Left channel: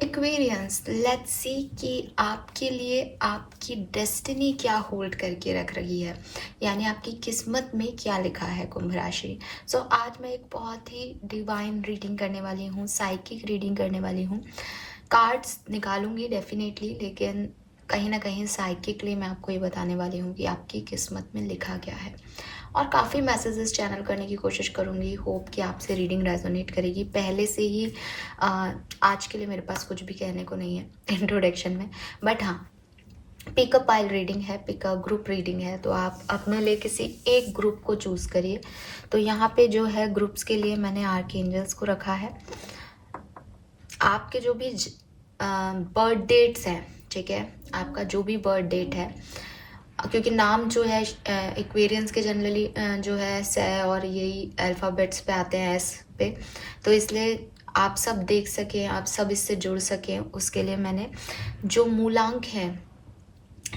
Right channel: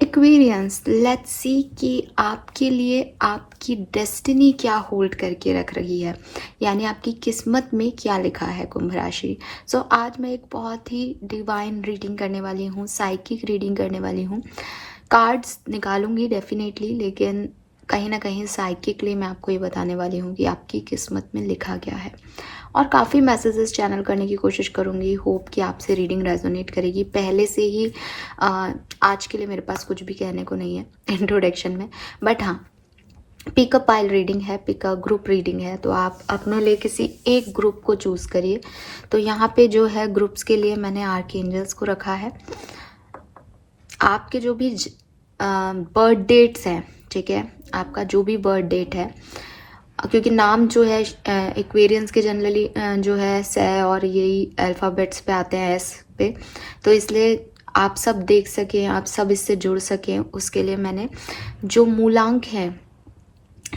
Aquarians, let's see कि आपके लिए आपकी डेस्टिनी क्या होल्ड करके रख रही है, यानी आपकी किस्मत में क्या लिखा है कुंभ राशि। सो आज मैं एक बहुत ही डिवाइन रीडिंग करने वाली हूँ, साइकिक रीडिंग करने वाली हूँ। कार्ड्स निकालूंगी डेफिनेटली, लेकिन कहीं ना कहीं साइकिकली मैं आपको ये बताने वाली हूँ कि आपकी किस्मत में लिखा क्या है। और काफ़ी मैसेजेस चैनल करने की कोशिश करूँगी, होप कि आपसे रीडिंग रेजोनेट करेगी। पहले से ही आज के लिए मेरे पास कुछ भी कहने को नहीं है इंट्रोडक्शन में, बट हाँ, पिक अ पाइल रीडिंग है, पिक अ ग्रुप रीडिंग है, तो आप अपने लिए किसी एक ग्रुप को चूज करिए। तो यहाँ पे जो है ग्रुप्स के लिए मैंने आर्कएंजल्स को रखा है। आपके जो भी बर्थ डेट्स हैं, ठीक है, आपका जो भी बर्थ डेट है, क्योंकि नाम जो है एक्वेरियंस के जनरली जो है से और यही अल्फ़ाबेट्स पे आते हैं, एस पे, तो इसलिए आप सब देख सकें, आप सब इससे जुड़ सकें, उसके लिए मैंने जो मूलांक है,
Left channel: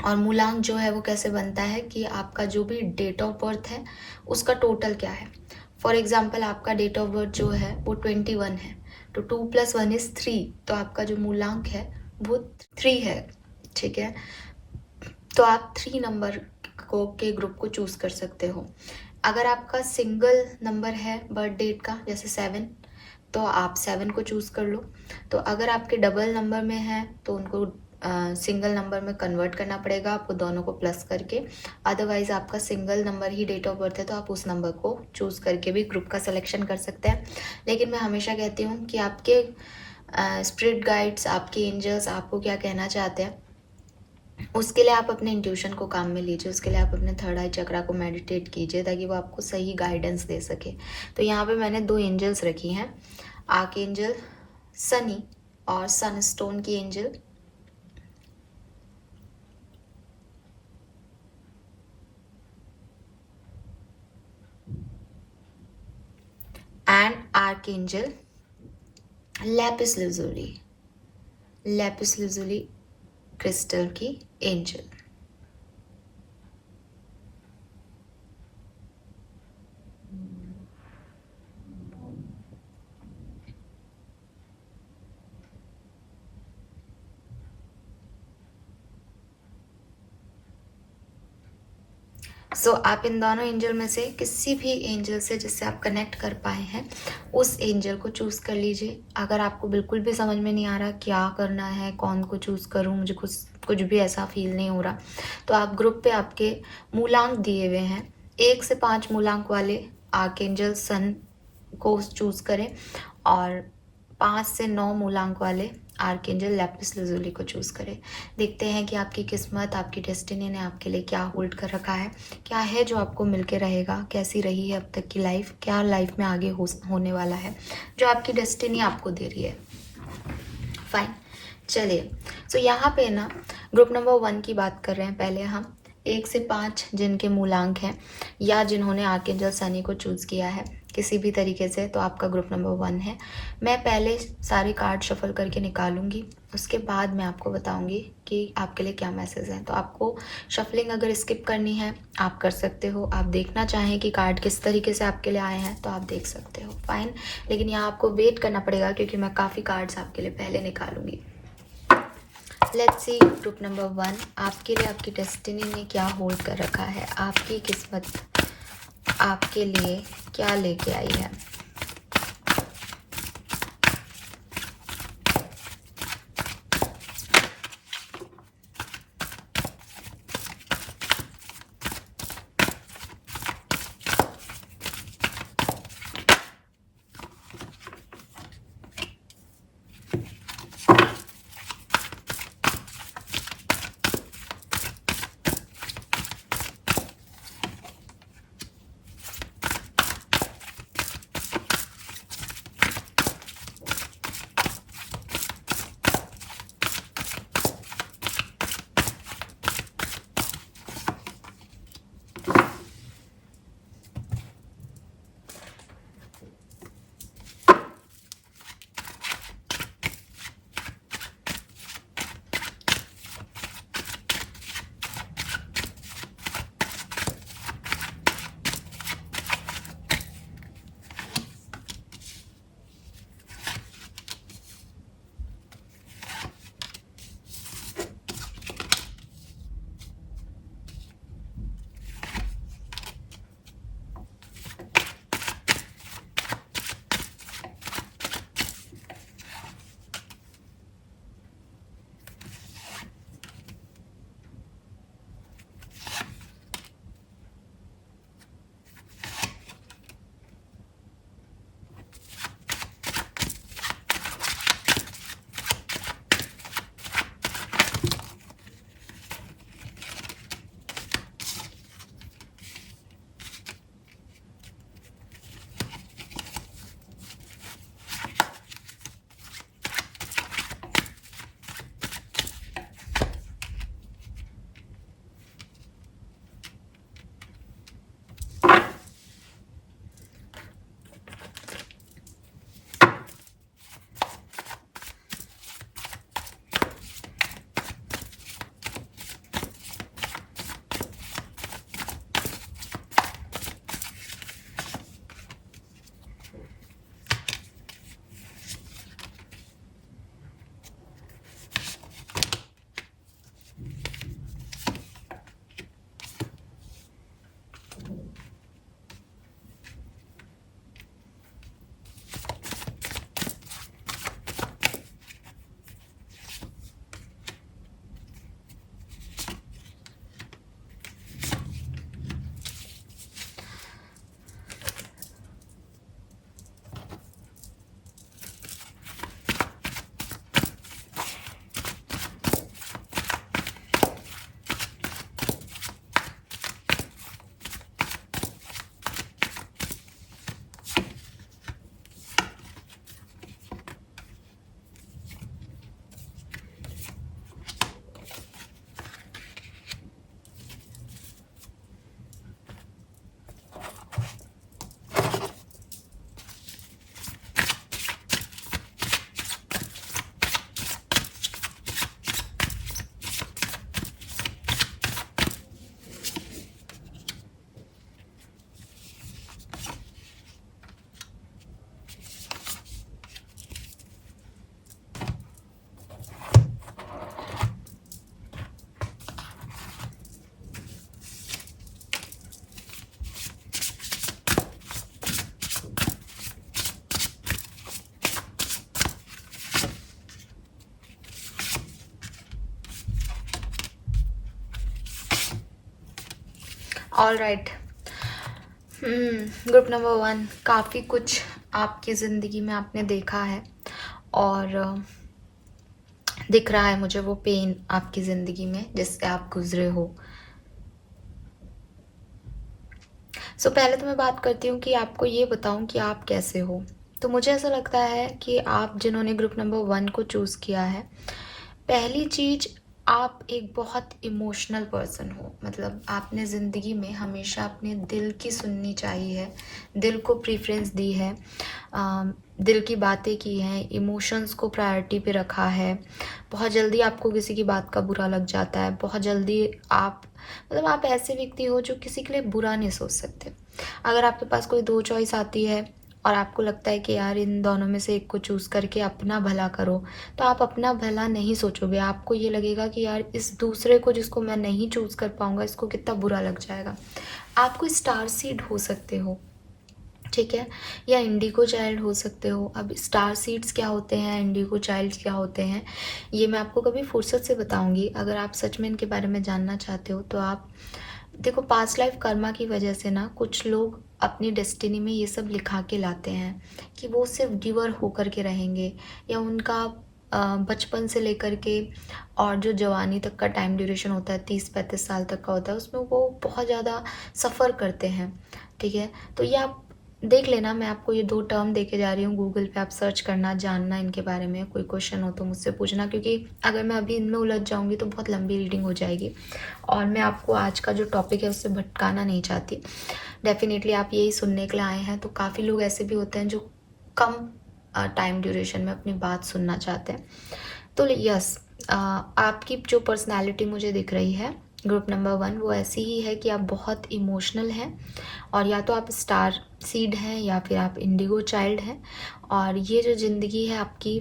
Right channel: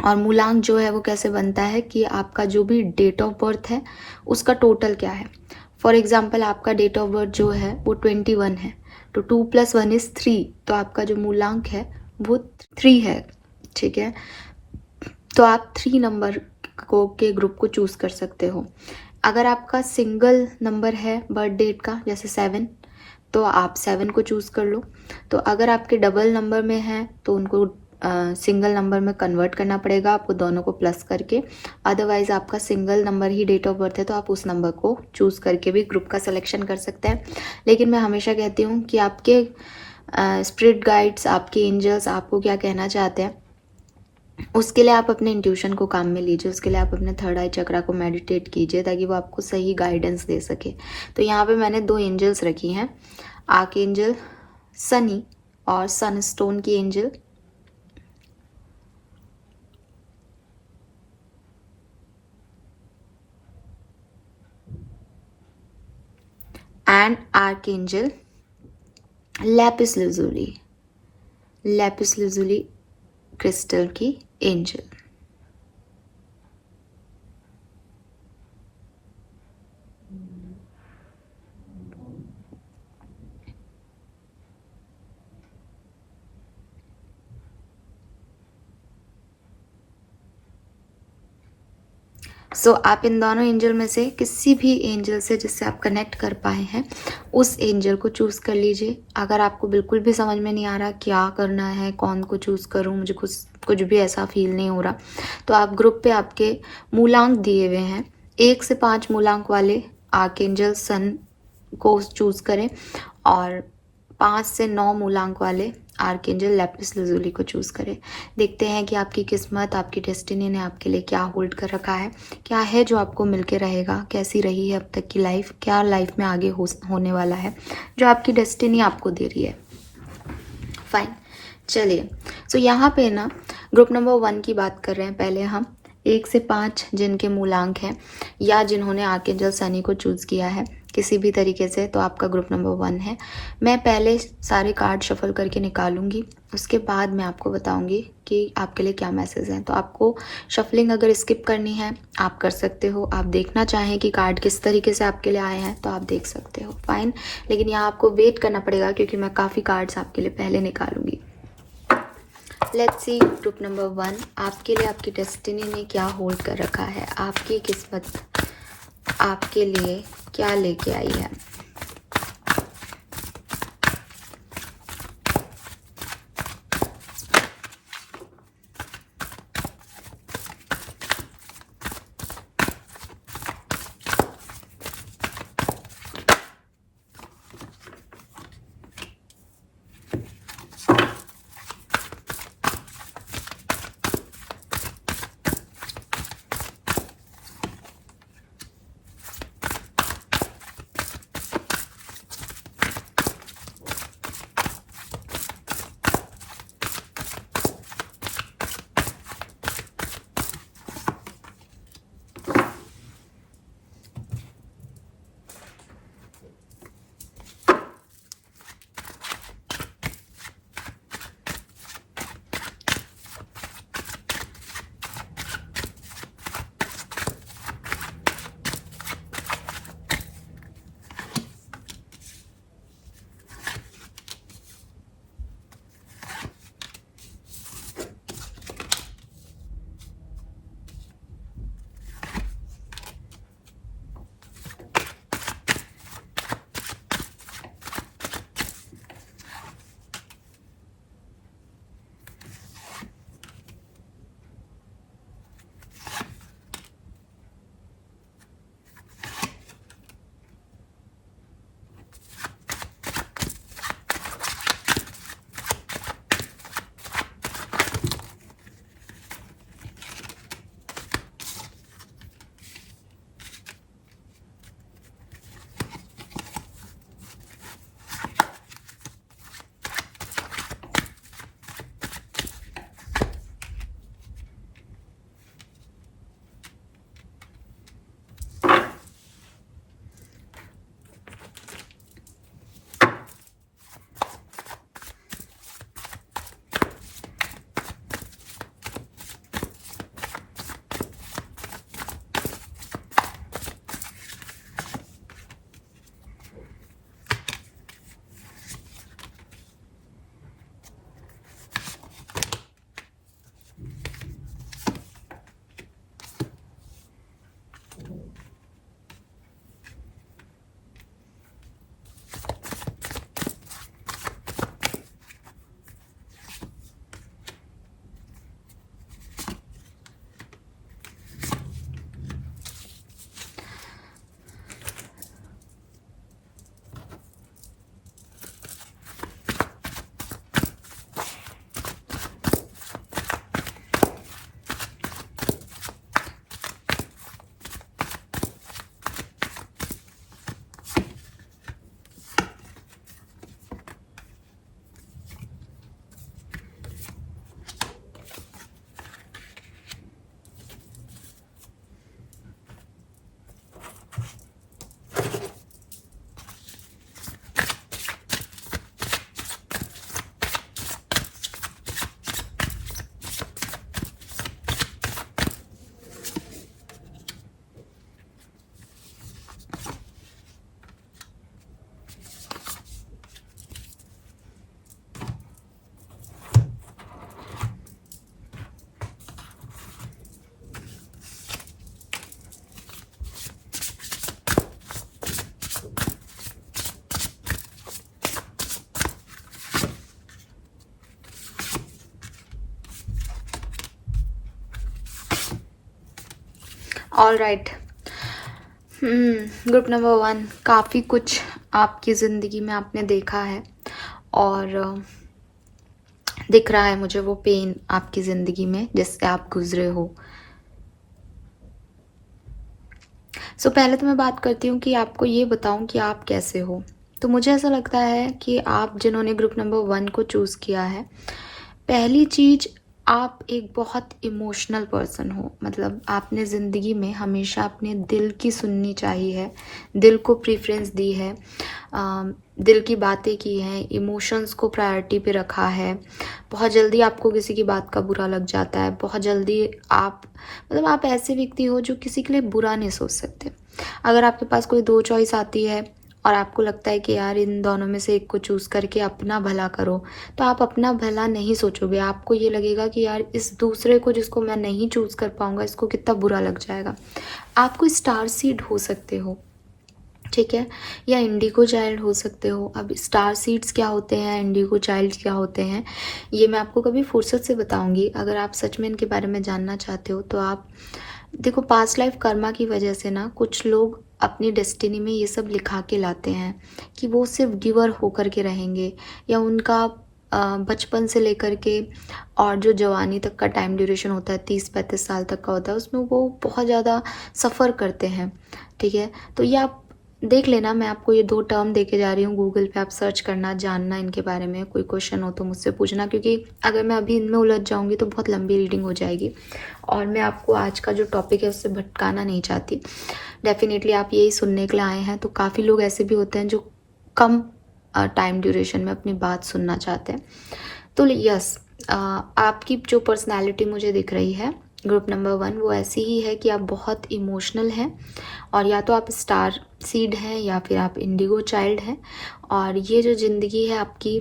और मूलांक जो है वो कैसे बनता है कि आपका जो भी डेट ऑफ बर्थ है उसका टोटल क्या है। फॉर एग्जाम्पल आपका डेट ऑफ बर्थ जो है वो 21 है, तो 2 + 1 = 3, तो आपका जो मूलांक है वो 3 है, ठीक है। तो आप 3 नंबर को के ग्रुप को चूज कर सकते हो। अगर आपका सिंगल नंबर है बर्थ डेट का, जैसे 7, तो आप 7 को चूज कर लो। तो अगर आपके डबल नंबर में है तो उनको सिंगल नंबर में कन्वर्ट करना पड़ेगा आपको, दोनों को प्लस करके। अदरवाइज आपका सिंगल नंबर ही डेट ऑफ बर्थ है तो आप उस नंबर को चूज करके भी ग्रुप का सिलेक्शन कर सकते हैं। लेकिन मैं हमेशा कहती हूँ कि आपके स्पिरिट गाइड्स, आपके एंजल्स आपको क्या कहना चाहते हैं, उसके लिए आप अपने इंट्यूशन को काम में लीजिए, उसके लिए आप अपने थर्ड आई चक्रा को मेडिटेट कीजिए ताकि वो आपको सही गाइडेंस दे सके। तो यहाँ पे मैंने 2 एंजल्स रखी हैं, आर्क एंजल सनी और सनस्टोन की angel. And arc angel lapis lazuli, lapis lazuli crystal की एंजल। सो आप इन दोनों एंजल में से किसी भी एंजल से जिससे आप कनेक्ट कर पाए हैं उस एंजल को चूज कर लीजिए। अगर आपको बिल्कुल भी समझ में नहीं आ रहा क्या करना है, कौन को चूज करूं, मुझे कुछ भी ऐसा फील नहीं हो रहा, तो आप ग्रुप पे आपके मूलांक दिए हुए हैं, 1 से 5 मूलांक वाले आर्कएंजल सन को चूज करें, और 5 से 9 मूलांक वाले आर्कएंजल लैपिस लजुली को चूज करें। देखते हैं कि आपकी किस्मत, आपकी डेस्टिनी ने आपके लिए क्या होल्ड कर रखा है, क्या है जो आपको मिलके रहेगा, कैसी रही है अब तक की लाइफ, क्या लाइफ में आगे होने वाला है जो आपकी डेस्टिनी आपको दे रही है। फाइन, चलिए। सो यहाँ पे ना ग्रुप नंबर 1 की बात कर रहे हैं। पहले हम 1 से 5 जिनके मूलांक हैं या जिन्होंने आर्कएंजल सनी को चूज किया है किसी भी तरीके से, तो आपका ग्रुप नंबर 1 है। मैं पहले सारे कार्ड शफल करके निकालूंगी, उसके बाद मैं आपको बताऊंगी कि आपके लिए क्या मैसेज है। तो आपको शफलिंग अगर स्किप करनी है आप कर सकते हो, आप देखना चाहें कि कार्ड किस तरीके से आपके लिए आए हैं तो आप देख सकते हो, फाइन। लेकिन यहाँ आपको वेट करना पड़ेगा क्योंकि मैं काफ़ी कार्ड्स आपके लिए पहले निकालूंगी। लेट्स सी ग्रुप नंबर 1, आपके लिए आपकी डेस्टिनी ने क्या होल्ड कर रखा है, आपकी किस्मत आपके लिए क्या लेके आई है। All right. ग्रुप नंबर 1, काफ़ी कुछ आपकी ज़िंदगी में आपने देखा है और दिख रहा है मुझे वो पेन आपकी ज़िंदगी में जिससे आप गुजरे हो। सो पहले तो मैं बात करती हूँ कि आपको ये बताऊँ कि आप कैसे हो। तो मुझे ऐसा लगता है कि आप जिन्होंने ग्रुप नंबर 1 को चूज़ किया है, पहली चीज़, आप एक बहुत इमोशनल पर्सन हो। मतलब आपने ज़िंदगी में हमेशा अपने दिल की सुननी चाहिए है, दिल को प्रेफरेंस दी है, दिल की बातें की हैं, इमोशंस को प्रायोरिटी पे रखा है। बहुत जल्दी आपको किसी की बात का बुरा लग जाता है, बहुत जल्दी आप, मतलब आप ऐसे व्यक्ति हो जो किसी के लिए बुरा नहीं सोच सकते। अगर आपके पास कोई 2 चॉइस आती है और आपको लगता है कि यार इन दोनों में से एक को चूज़ करके अपना भला करो, तो आप अपना भला नहीं सोचोगे। आपको ये लगेगा कि यार इस दूसरे को जिसको मैं नहीं चूज़ कर पाऊँगा, इसको कितना बुरा लग जाएगा। आप कोई स्टार सीड हो सकते हो, ठीक है, या इंडिगो चाइल्ड हो सकते हो। अब स्टार सीड्स क्या होते हैं, इंडिगो चाइल्ड क्या होते हैं, ये मैं आपको कभी फुर्सत से बताऊंगी। अगर आप सच में इनके बारे में जानना चाहते हो तो आप देखो, पास्ट लाइफ कर्मा की वजह से ना कुछ लोग अपनी डेस्टिनी में ये सब लिखा के लाते हैं कि वो सिर्फ गिवर होकर के रहेंगे, या उनका बचपन से लेकर के और जो जवानी तक का टाइम ड्यूरेशन होता है 30-35 साल तक का होता है, उसमें वो बहुत ज़्यादा सफ़र करते हैं, ठीक है। तो ये आप देख लेना, मैं आपको ये 2 टर्म देके जा रही हूँ, गूगल पे आप सर्च करना, जानना इनके बारे में। कोई क्वेश्चन हो तो मुझसे पूछना, क्योंकि अगर मैं अभी इनमें उलझ जाऊँगी तो बहुत लंबी रीडिंग हो जाएगी और मैं आपको आज का जो टॉपिक है उससे भटकाना नहीं चाहती। डेफिनेटली आप यही सुनने के लिए आए हैं, तो काफ़ी लोग ऐसे भी होते हैं जो कम टाइम ड्यूरेशन में अपनी बात सुनना चाहते हैं। तो यस, आपकी जो पर्सनालिटी मुझे दिख रही है ग्रुप नंबर 1, वो ऐसी ही है कि आप बहुत इमोशनल हैं, और या तो आप स्टार सीड हैं या फिर आप इंडिगो चाइल्ड हैं। और ये जो ज़िंदगी है आपकी,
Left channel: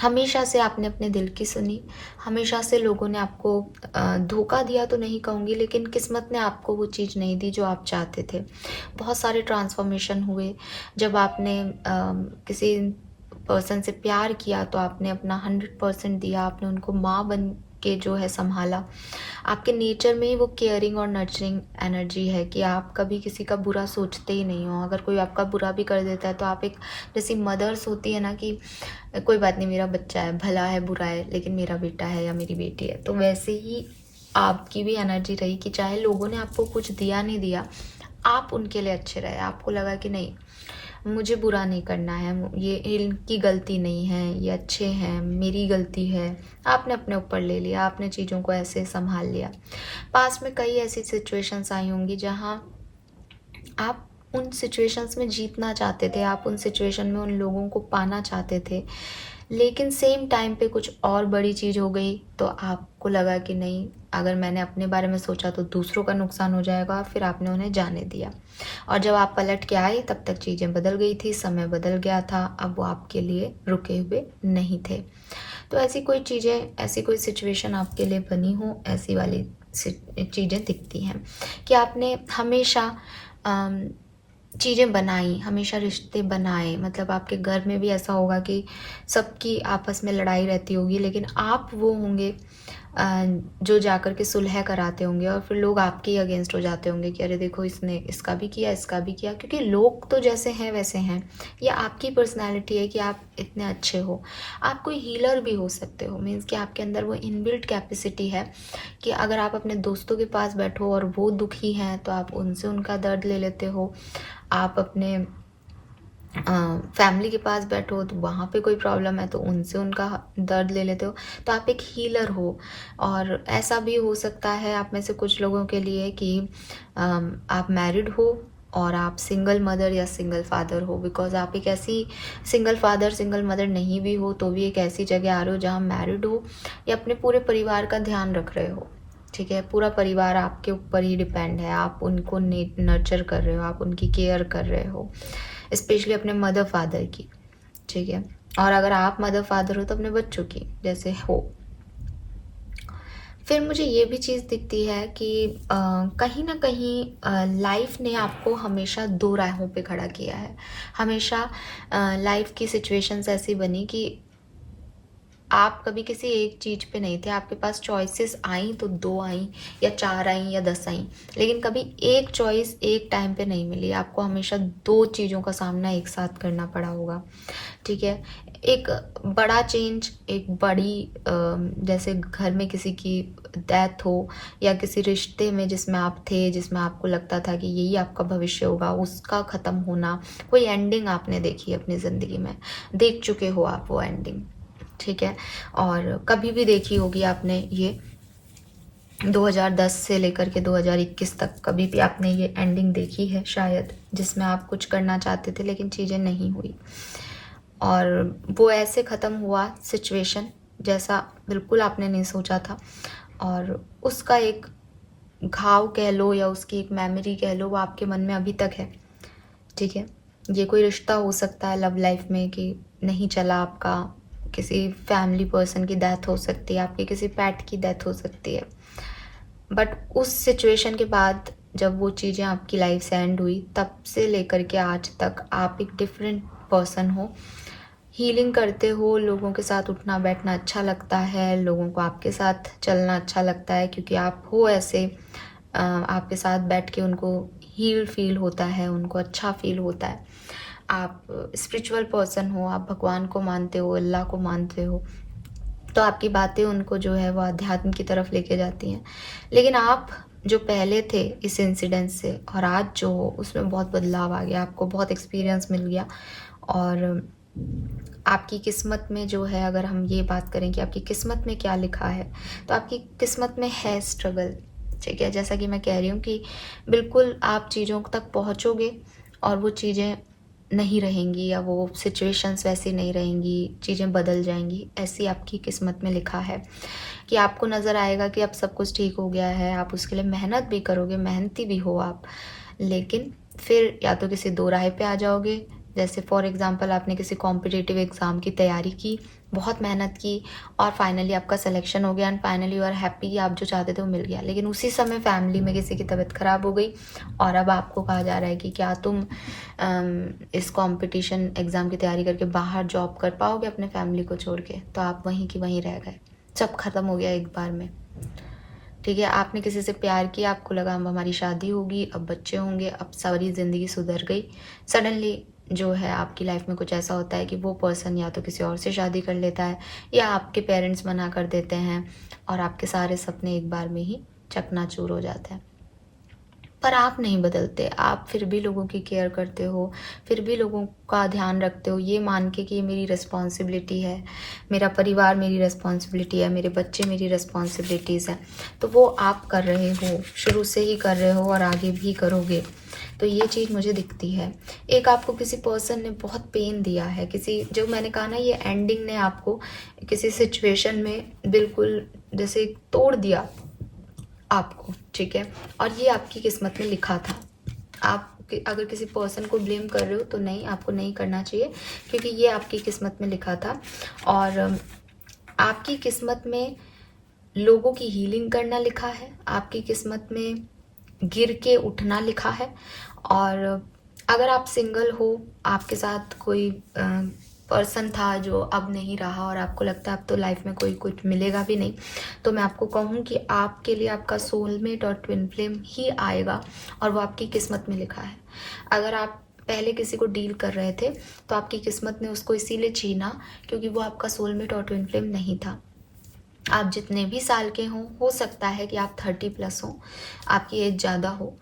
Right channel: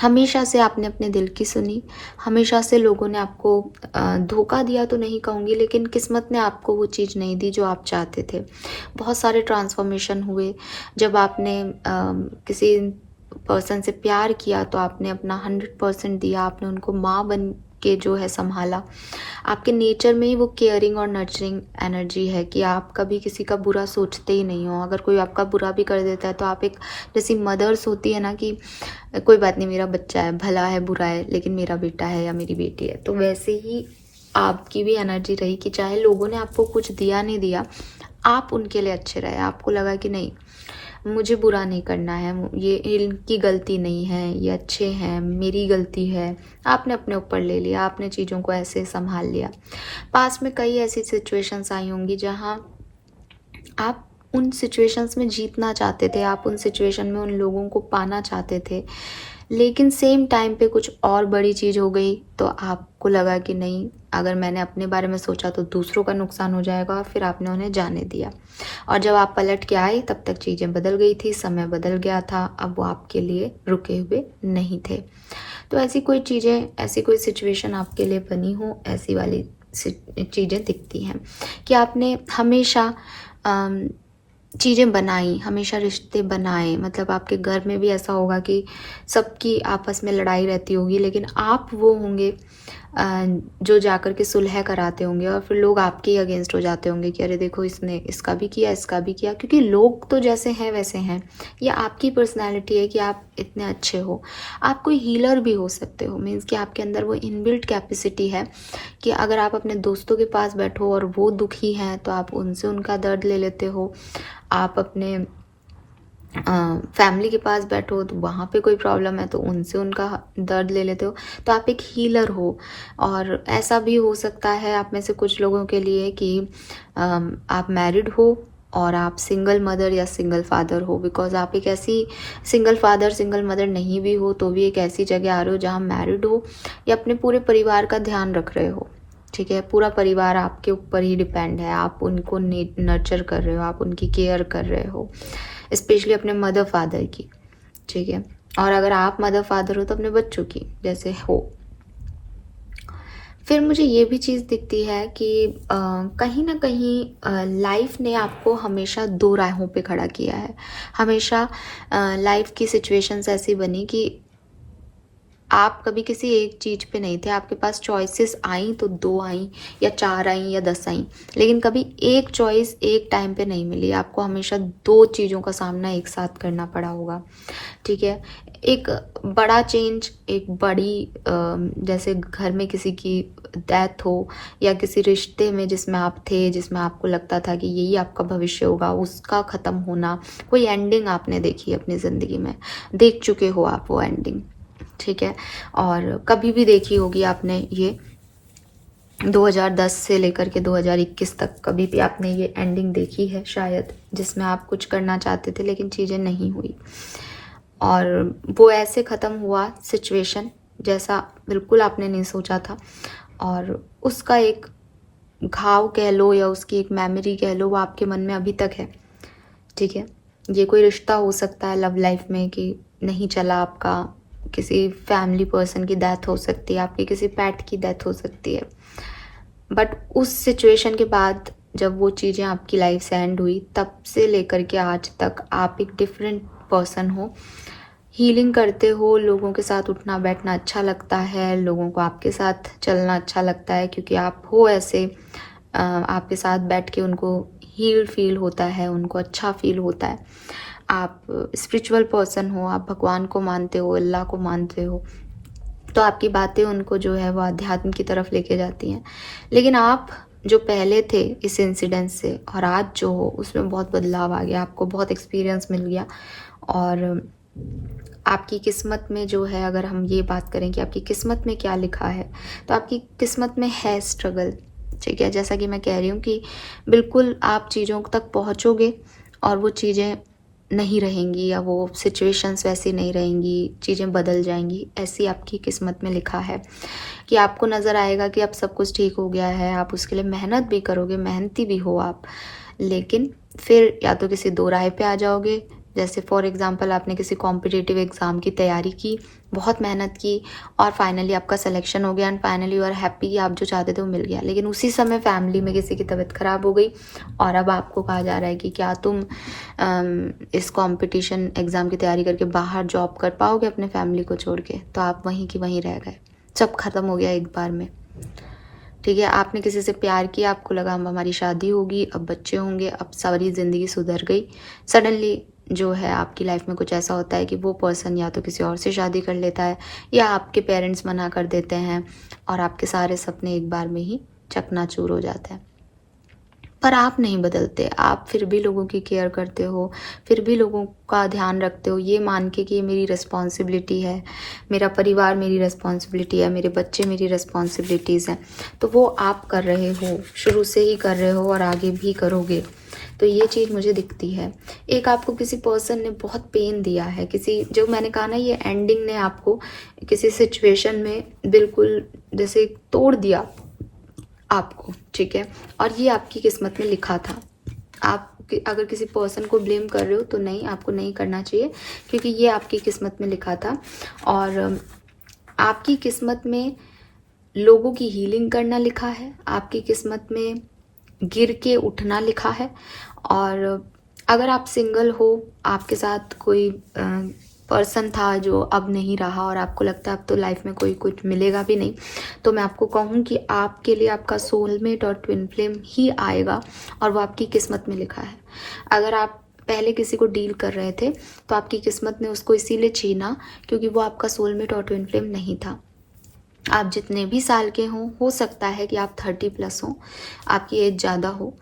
हमेशा से आपने अपने दिल की सुनी, हमेशा से लोगों ने आपको धोखा दिया तो नहीं कहूँगी, लेकिन किस्मत ने आपको वो चीज़ नहीं दी जो आप चाहते थे। बहुत सारे ट्रांसफॉर्मेशन हुए। जब आपने किसी पर्सन से प्यार किया तो आपने अपना 100% दिया, आपने उनको माँ बन के जो है संभाला। आपके नेचर में ही वो केयरिंग और नर्चरिंग एनर्जी है कि आप कभी किसी का बुरा सोचते ही नहीं हो। अगर कोई आपका बुरा भी कर देता है तो आप एक, जैसी मदर्स होती है ना कि कोई बात नहीं, मेरा बच्चा है, भला है बुरा है लेकिन मेरा बेटा है या मेरी बेटी है, तो वैसे ही आपकी भी एनर्जी रही कि चाहे लोगों ने आपको कुछ दिया नहीं दिया, आप उनके लिए अच्छे रहे। आपको लगा कि नहीं, मुझे बुरा नहीं करना है, ये इनकी गलती नहीं है, ये अच्छे हैं, मेरी गलती है। आपने अपने ऊपर ले लिया, आपने चीज़ों को ऐसे संभाल लिया। पास में कई ऐसी सिचुएशंस आई होंगी जहाँ आप उन सिचुएशंस में जीतना चाहते थे, आप उन सिचुएशन में उन लोगों को पाना चाहते थे, लेकिन सेम टाइम पे कुछ और बड़ी चीज़ हो गई तो आपको लगा कि नहीं, अगर मैंने अपने बारे में सोचा तो दूसरों का नुकसान हो जाएगा, फिर आपने उन्हें जाने दिया। और जब आप पलट के आए तब तक चीज़ें बदल गई थी, समय बदल गया था, अब वो आपके लिए रुके हुए नहीं थे। तो ऐसी कोई चीज़ें, ऐसी कोई सिचुएशन आपके लिए बनी हो, ऐसी वाली चीज़ें दिखती हैं कि आपने हमेशा चीज़ें बनाई, हमेशा रिश्ते बनाए। मतलब आपके घर में भी ऐसा होगा कि सबकी आपस में लड़ाई रहती होगी, लेकिन आप वो होंगे जो जाकर के सुलह कराते होंगे, और फिर लोग आपके ही अगेंस्ट हो जाते होंगे कि अरे देखो, इसने इसका भी किया, इसका भी किया, क्योंकि लोग तो जैसे हैं वैसे हैं। ये आपकी पर्सनैलिटी है कि आप इतने अच्छे हो। आप कोई हीलर भी हो सकते हो, मीन्स कि आपके अंदर वो इनबिल्ट कैपेसिटी है कि अगर आप अपने दोस्तों के पास बैठो और वो दुखी हैं तो आप उनसे उनका दर्द ले लेते हो। आप अपने फैमिली के पास बैठो तो वहाँ पे कोई प्रॉब्लम है तो उनसे उनका दर्द ले लेते हो, तो आप एक हीलर हो। और ऐसा भी हो सकता है आप में से कुछ लोगों के लिए कि आप मैरिड हो और आप सिंगल मदर या सिंगल फादर हो, बिकॉज आप एक ऐसी सिंगल फादर सिंगल मदर नहीं भी हो तो भी एक ऐसी जगह आ रहे हो जहाँ मैरिड हो या अपने पूरे परिवार का ध्यान रख रहे हो, ठीक है। पूरा परिवार आपके ऊपर ही डिपेंड है, आप उनको नर्चर कर रहे हो, आप उनकी केयर कर रहे हो, स्पेशली अपने मदर फादर की, ठीक है। और अगर आप मदर फादर हो तो अपने बच्चों की जैसे हो। फिर मुझे ये भी चीज़ दिखती है कि कहीं ना कहीं लाइफ ने आपको हमेशा 2 राहों पे खड़ा किया है। हमेशा लाइफ की सिचुएशंस ऐसी बनी कि आप कभी किसी एक चीज पे नहीं थे, आपके पास चॉइसेस आई तो 2 आई या 4 आई या 10 आई, लेकिन कभी एक चॉइस एक टाइम पे नहीं मिली, आपको हमेशा 2 चीजों का सामना एक साथ करना पड़ा होगा। ठीक है, एक बड़ा चेंज, एक बड़ी जैसे घर में किसी की डेथ हो या किसी रिश्ते में जिसमें आप थे, जिसमें आपको लगता था कि यही आपका भविष्य होगा, उसका खत्म होना, कोई एंडिंग आपने देखी अपनी जिंदगी में, देख चुके हो आप वो एंडिंग। ठीक है, और कभी भी देखी होगी आपने ये 2010 से लेकर के 2021 तक कभी भी आपने ये एंडिंग देखी है शायद, जिसमें आप कुछ करना चाहते थे लेकिन चीज़ें नहीं हुई, और वो ऐसे ख़त्म हुआ सिचुएशन जैसा बिल्कुल आपने नहीं सोचा था, और उसका एक घाव कह लो या उसकी एक मेमोरी कह लो, वो आपके मन में अभी तक है। ठीक है, ये कोई रिश्ता हो सकता है लव लाइफ में कि नहीं चला आपका, किसी फैमिली पर्सन की डेथ हो सकती है, आपके किसी पेट की डेथ हो सकती है, बट उस सिचुएशन के बाद जब वो चीज़ें आपकी लाइफ से एंड हुई, तब से लेकर के आज तक आप एक डिफरेंट पर्सन हो, हीलिंग करते हो, लोगों के साथ उठना बैठना अच्छा लगता है, लोगों को आपके साथ चलना अच्छा लगता है क्योंकि आप हो ऐसे, आपके साथ बैठ के उनको हील फील होता है, उनको अच्छा फील होता है। आप स्पिरिचुअल पर्सन हो, आप भगवान को मानते हो, अल्लाह को मानते हो, तो आपकी बातें उनको जो है वो अध्यात्म की तरफ लेके जाती हैं। लेकिन आप जो पहले थे इस इंसिडेंट से और आज जो हो, उसमें बहुत बदलाव आ गया, आपको बहुत एक्सपीरियंस मिल गया, और आपकी किस्मत में जो है, अगर हम ये बात करें कि आपकी किस्मत में क्या लिखा है, तो आपकी किस्मत में है स्ट्रगल। ठीक है, जैसा कि मैं कह रही हूँ कि बिल्कुल आप चीज़ों तक पहुँचोगे और वो चीज़ें नहीं रहेंगी, या वो सिचुएशंस वैसी नहीं रहेंगी, चीज़ें बदल जाएंगी, ऐसी आपकी किस्मत में लिखा है कि आपको नज़र आएगा कि अब सब कुछ ठीक हो गया है, आप उसके लिए मेहनत भी करोगे, मेहनती भी हो आप, लेकिन फिर या तो किसी दो राह पे आ जाओगे। जैसे फॉर एग्जांपल आपने किसी कॉम्पिटिटिव एग्ज़ाम की तैयारी की, बहुत मेहनत की, और फाइनली आपका सिलेक्शन हो गया, and finally you are happy कि आप जो चाहते थे वो मिल गया, लेकिन उसी समय फैमिली में किसी की तबीयत खराब हो गई और अब आपको कहा जा रहा है कि क्या तुम इस कंपटीशन एग्ज़ाम की तैयारी करके बाहर जॉब कर पाओगे अपने फैमिली को छोड़ के, तो आप वहीं की वहीं रह गए, सब खत्म हो गया एक बार में। ठीक है, आपने किसी से प्यार किया, आपको लगा अब हमारी शादी होगी, अब बच्चे होंगे, अब सारी ज़िंदगी सुधर गई, सडनली जो है आपकी लाइफ में कुछ ऐसा होता है कि वो पर्सन या तो किसी और से शादी कर लेता है, या आपके पेरेंट्स मना कर देते हैं, और आपके सारे सपने एक बार में ही चकनाचूर हो जाते हैं। पर आप नहीं बदलते, आप फिर भी लोगों की केयर करते हो, फिर भी लोगों का ध्यान रखते हो, ये मान के कि ये मेरी रिस्पॉन्सिबिलिटी है, मेरा परिवार मेरी रिस्पॉन्सिबिलिटी है, मेरे बच्चे मेरी रिस्पॉन्सिबिलिटीज़ हैं, तो वो आप कर रहे हो, शुरू से ही कर रहे हो और आगे भी करोगे। तो ये चीज़ मुझे दिखती है। एक आपको किसी पर्सन ने बहुत पेन दिया है, किसी, जो मैंने कहा ना, ये एंडिंग ने आपको किसी सिचुएशन में बिल्कुल जैसे तोड़ दिया आपको। ठीक है, और ये आपकी किस्मत में लिखा था। आप अगर किसी पर्सन को ब्लेम कर रहे हो तो नहीं, आपको नहीं करना चाहिए, क्योंकि ये आपकी किस्मत में लिखा था, और आपकी किस्मत में लोगों की हीलिंग करना लिखा है, आपकी किस्मत में गिर के उठना लिखा है। और अगर आप सिंगल हो, आपके साथ कोई पर्सन था जो अब नहीं रहा, और आपको लगता है अब तो लाइफ में कोई कुछ मिलेगा भी नहीं, तो मैं आपको कहूँ कि आपके लिए आपका सोलमेट और ट्विन फ्लेम ही आएगा, और वो आपकी किस्मत में लिखा है। अगर आप पहले किसी को डील कर रहे थे तो आपकी किस्मत ने उसको इसीलिए छीना क्योंकि वो आपका सोलमेट और ट्विन फ्लेम नहीं था। आप जितने भी साल के हों, हो सकता है कि आप 30+ हों, आपकी एज ज़्यादा हो,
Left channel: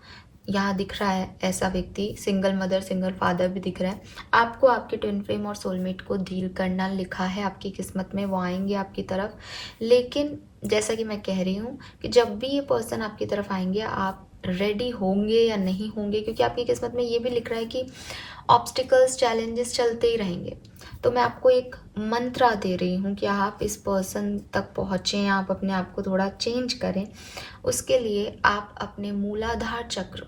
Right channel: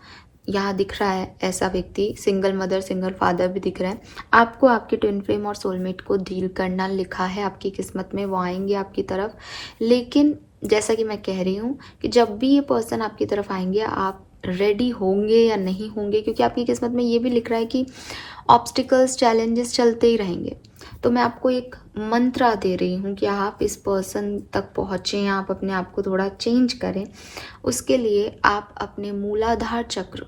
यहाँ दिख रहा है ऐसा व्यक्ति, सिंगल मदर सिंगल फादर भी दिख रहा है, आपको आपके ट्विन फ्लेम और सोलमेट को डील करना लिखा है आपकी किस्मत में, वो आएंगे आपकी तरफ। लेकिन जैसा कि मैं कह रही हूँ कि जब भी ये पर्सन आपकी तरफ आएंगे, आप रेडी होंगे या नहीं होंगे, क्योंकि आपकी किस्मत में ये भी लिख रहा है कि ऑब्स्टिकल्स, चैलेंजेस चलते ही रहेंगे। तो मैं आपको एक मंत्र दे रही हूँ कि आप इस पर्सन तक पहुँचें, आप अपने आप को थोड़ा चेंज करें। उसके लिए आप अपने मूलाधार चक्र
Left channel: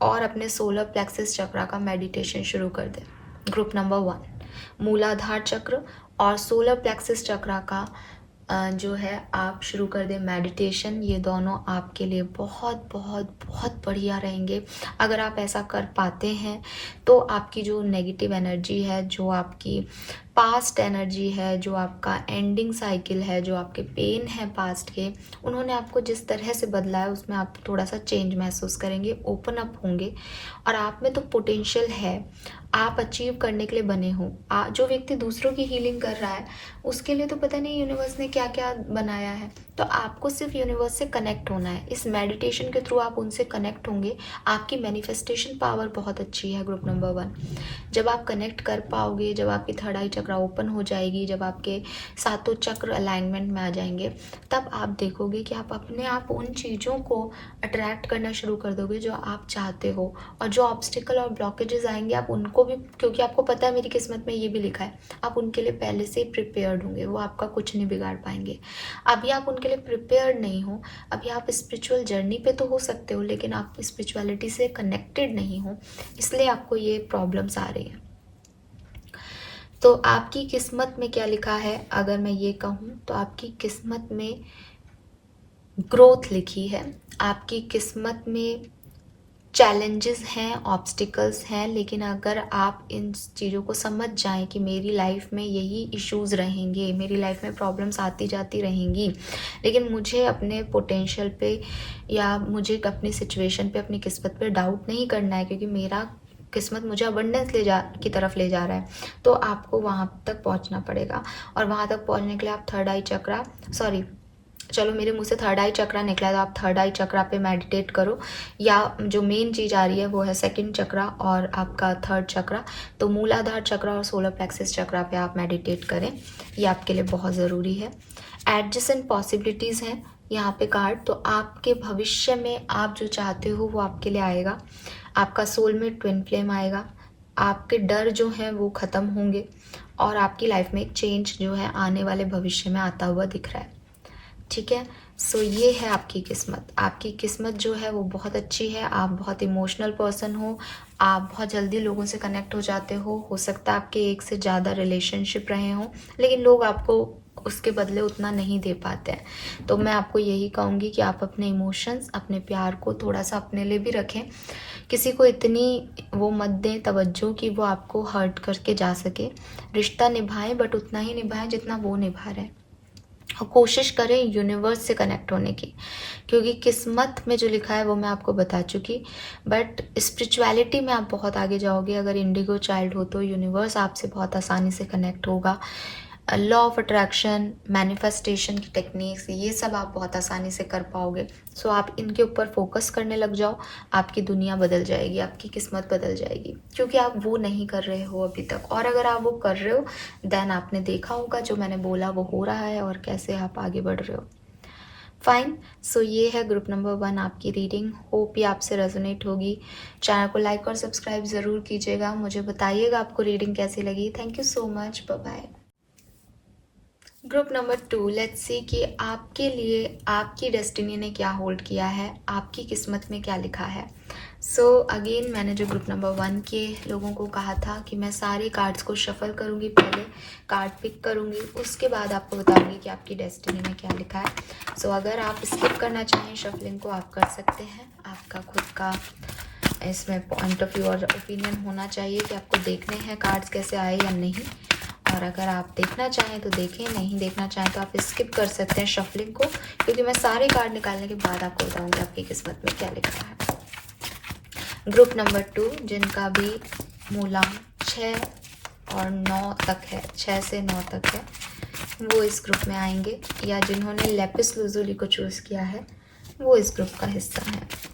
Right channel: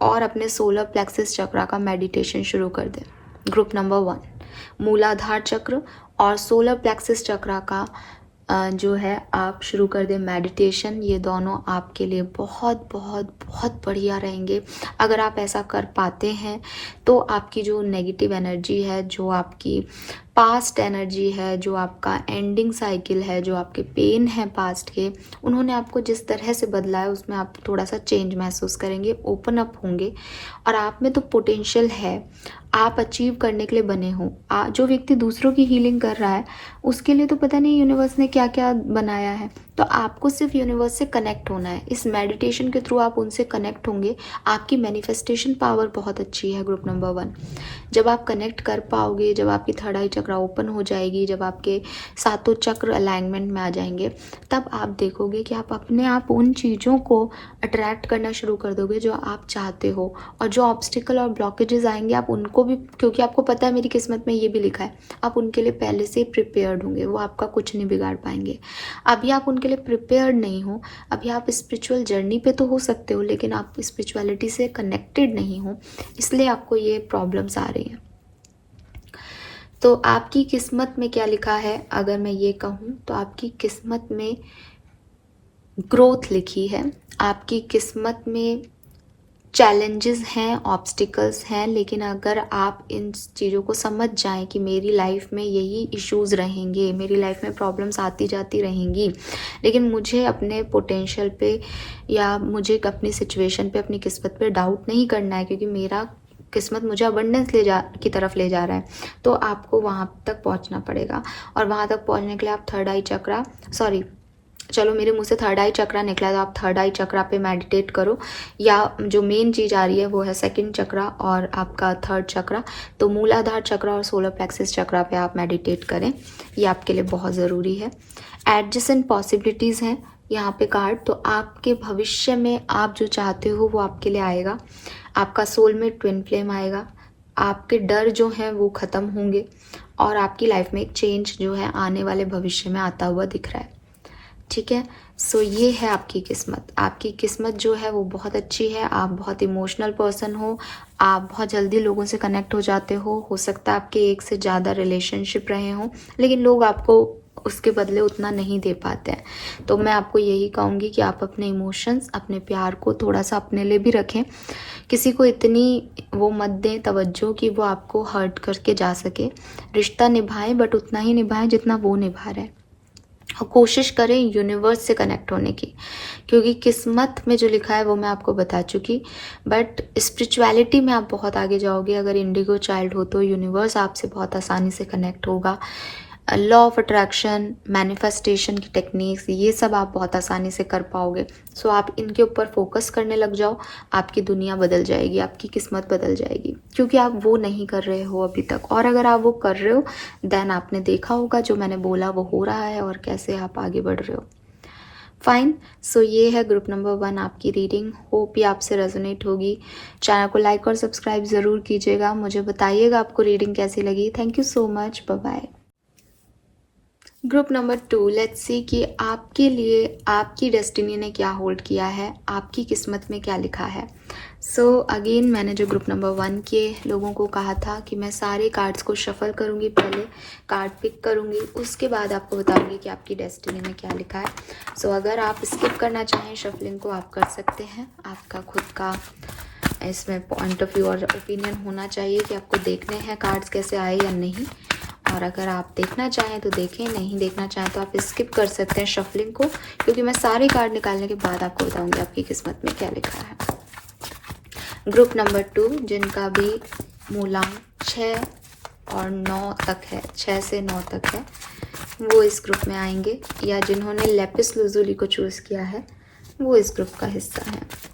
और अपने सोलर प्लेक्सिस चक्रा का मेडिटेशन शुरू कर दें। ग्रुप नंबर 1, मूलाधार चक्र और सोलर प्लेक्सिस चक्रा का जो है आप शुरू कर दें मेडिटेशन। ये दोनों आपके लिए बहुत बहुत बहुत बढ़िया रहेंगे। अगर आप ऐसा कर पाते हैं तो आपकी जो नेगेटिव एनर्जी है, जो आपकी पास्ट एनर्जी है, जो आपका एंडिंग साइकिल है, जो आपके पेन है पास्ट के, उन्होंने आपको जिस तरह से बदला है उसमें आप थोड़ा सा चेंज महसूस करेंगे, ओपन अप होंगे। और आप में तो पोटेंशियल है, आप अचीव करने के लिए बने हो। जो व्यक्ति दूसरों की हीलिंग कर रहा है उसके लिए तो पता नहीं यूनिवर्स ने क्या क्या बनाया है। तो आपको सिर्फ यूनिवर्स से कनेक्ट होना है। इस मेडिटेशन के थ्रू आप उनसे कनेक्ट होंगे। आपकी मैनिफेस्टेशन पावर बहुत अच्छी है ग्रुप नंबर 1। जब आप कनेक्ट कर पाओगे, जब आपकी थर्ड आई चक्र ओपन हो जाएगी, जब आपके सातों चक्र अलाइनमेंट में आ जाएंगे, तब आप देखोगे कि आप अपने आप उन चीज़ों को अट्रैक्ट करना शुरू कर दोगे जो आप चाहते हो। और जो ऑब्स्टिकल और ब्लॉकेजेस आएंगे आप उनको भी, क्योंकि आपको पता है मेरी किस्मत में ये भी लिखा है, आप उनके लिए पहले से प्रिपेयर्ड होंगे, वो आपका कुछ नहीं बिगाड़ पाएंगे। अभी आप उनके लिए प्रिपेयर्ड नहीं हो, अभी आप स्पिरिचुअल जर्नी पे तो हो सकते हो लेकिन आप स्पिरिचुअलिटी से कनेक्टेड नहीं हो, इसलिए आपको ये प्रॉब्लम्स आ रही हैं। तो आपकी किस्मत में क्या लिखा है, अगर मैं ये कहूँ तो आपकी किस्मत में ग्रोथ लिखी है। आपकी किस्मत में चैलेंजेस हैं, ऑब्स्टिकल्स हैं, लेकिन अगर आप इन चीज़ों को समझ जाएं कि मेरी लाइफ में यही इश्यूज रहेंगे, मेरी लाइफ में प्रॉब्लम्स आती जाती रहेंगी, लेकिन मुझे अपने पोटेंशियल पे या मुझे अपनी सिचुएशन पे, अपनी किस्मत पे डाउट नहीं करना है, क्योंकि मेरा किस्मत मुझे अबंडेंस की तरफ ले जा रहा है, तो आपको वहाँ तक पहुँचना पड़ेगा। और वहाँ तक पहुँचने के लिए आप थर्ड आई चक्रा, सॉरी चलो मेरे मुंह से थर्ड आई चक्रा निकला, तो आप थर्ड आई चक्रा पे मेडिटेट करो, या जो मेन चीज़ आ रही है वो है सेकंड चक्रा और आपका थर्ड चक्रा। तो मूलाधार चक्रा और सोलर प्लेक्सस चक्रा पे आप मेडिटेट करें, ये आपके लिए बहुत ज़रूरी है। एडजेसेंट पॉसिबिलिटीज़ हैं यहाँ पे कार्ड, तो आपके भविष्य में आप जो चाहते हो वो आपके लिए आएगा। आपका सोलमेट ट्विन फ्लेम आएगा, आपके डर जो हैं वो ख़त्म होंगे, और आपकी लाइफ में एक चेंज जो है आने वाले भविष्य में आता हुआ दिख रहा है। ठीक है, सो ये है आपकी किस्मत। आपकी किस्मत जो है वो बहुत अच्छी है। आप बहुत इमोशनल पर्सन हो, आप बहुत जल्दी लोगों से कनेक्ट हो जाते हो सकता है आपके एक से ज़्यादा रिलेशनशिप रहे हों, लेकिन लोग आपको उसके बदले उतना नहीं दे पाते हैं। तो मैं आपको यही कहूँगी कि आप अपने इमोशंस, अपने प्यार को थोड़ा सा अपने लिए भी रखें। किसी को इतनी वो मत दें तवज्जो कि वो आपको हर्ट करके जा सके। रिश्ता निभाएं, बट उतना ही निभाएं जितना वो निभा रहे हैं। और कोशिश करें यूनिवर्स से कनेक्ट होने की, क्योंकि किस्मत में जो लिखा है वो मैं आपको बता चुकी, बट स्पिरिचुअलिटी में आप बहुत आगे जाओगे। अगर इंडिगो चाइल्ड हो तो यूनिवर्स आपसे बहुत आसानी से कनेक्ट होगा। लॉ ऑफ अट्रैक्शन, मैनिफेस्टेशन की टेक्निक्स, ये सब आप बहुत आसानी से कर पाओगे। सो आप इनके ऊपर फोकस करने लग जाओ, आपकी दुनिया बदल जाएगी, आपकी किस्मत बदल जाएगी, क्योंकि आप वो नहीं कर रहे हो अभी तक। और अगर आप वो कर रहे हो देन आपने देखा होगा जो मैंने बोला वो हो रहा है और कैसे आप आगे बढ़ रहे हो। फाइन, सो ये है ग्रुप नंबर 1 आपकी रीडिंग। होप ये आपसे रेजोनेट होगी। चैनल को लाइक और सब्सक्राइब ज़रूर कीजिएगा, मुझे बताइएगा आपको रीडिंग कैसी लगी। Thank you so much, bye bye. Group number 2, let's see कि आपके लिए आपकी डेस्टिनी ने क्या होल्ड किया है, आपकी किस्मत में क्या लिखा है। सो अगेन मैंने जो ग्रुप नंबर 1 के लोगों को कहा था कि मैं सारे कार्ड्स को शफल करूंगी, पहले कार्ड पिक करूंगी, उसके बाद आपको बताऊंगी कि आपकी डेस्टिनी में क्या लिखा है। सो अगर आप स्किप करना चाहें शफलिंग को आप कर सकते हैं। आपका खुद का इसमें पॉइंट ऑफ व्यू और ओपिनियन होना चाहिए कि आपको देखने हैं कार्ड्स कैसे आए या नहीं। और अगर आप देखना चाहें तो देखें, नहीं देखना चाहें तो आप स्किप कर सकते हैं शफलिंग को, क्योंकि मैं सारे कार्ड निकालने के बाद आपको बताऊंगी आपकी किस्मत में क्या लिखा है। ग्रुप नंबर 2 जिनका भी मूलांक 6 और 9 तक है, 6 से 9 तक है, वो इस ग्रुप में आएंगे, या जिन्होंने लेपिस लुजुली को चूज किया है वो इस ग्रुप का हिस्सा है।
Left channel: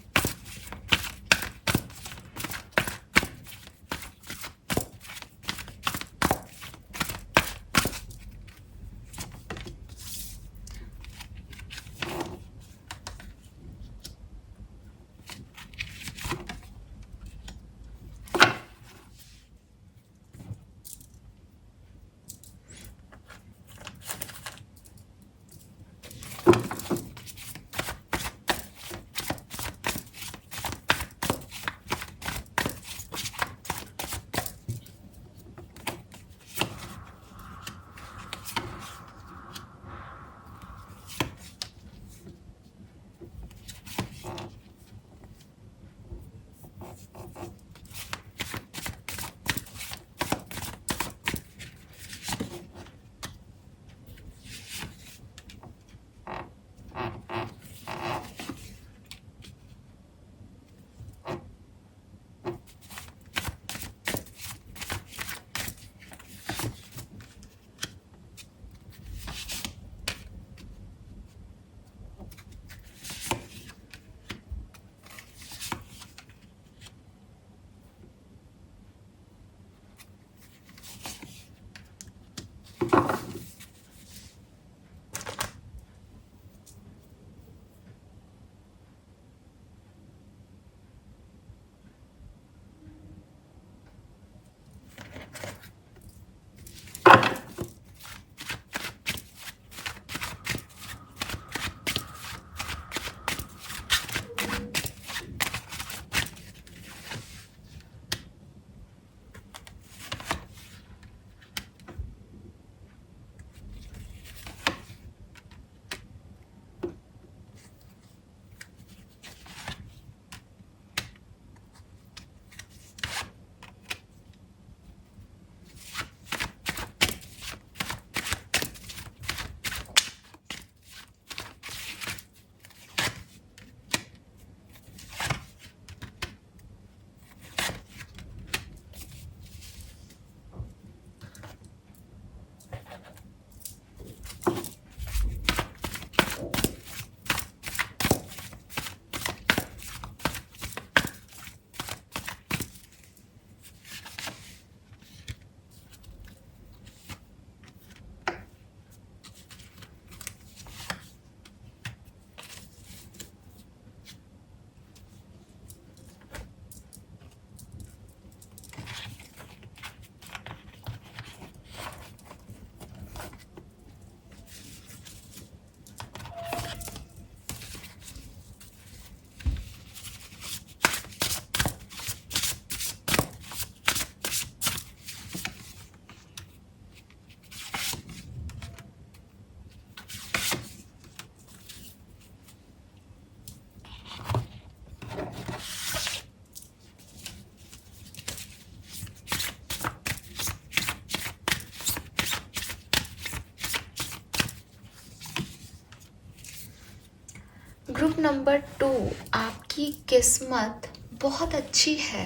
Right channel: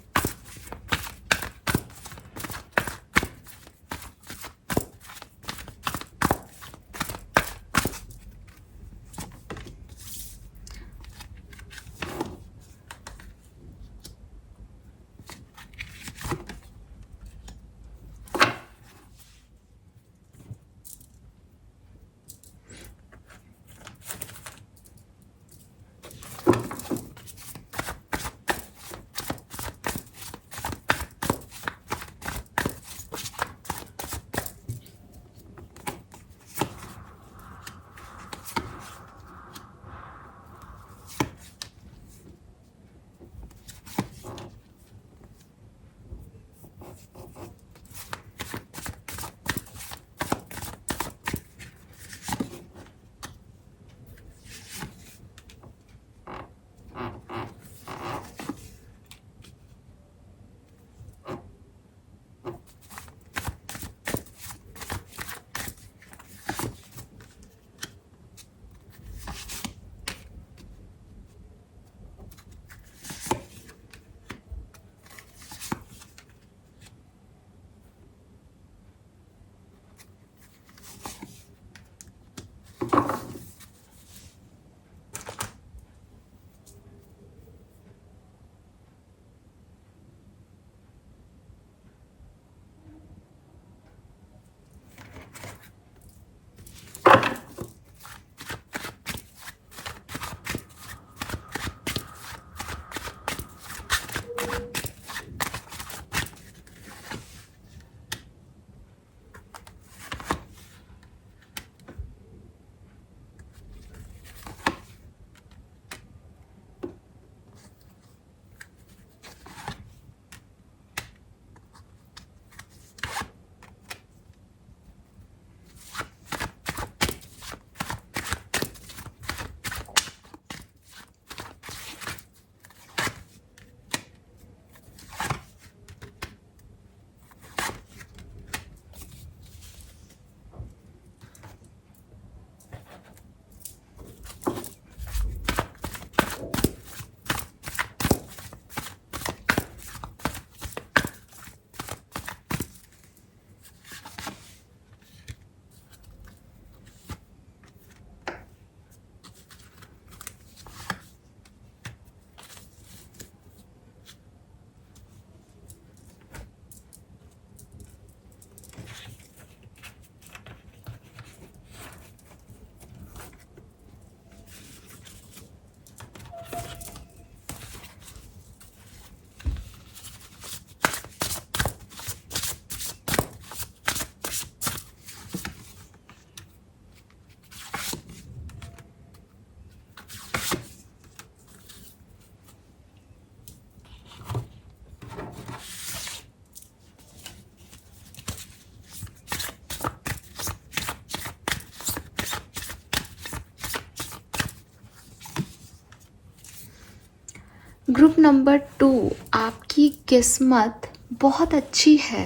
ग्रुप नंबर 2, आपकी किस्मत बहुत अच्छी है।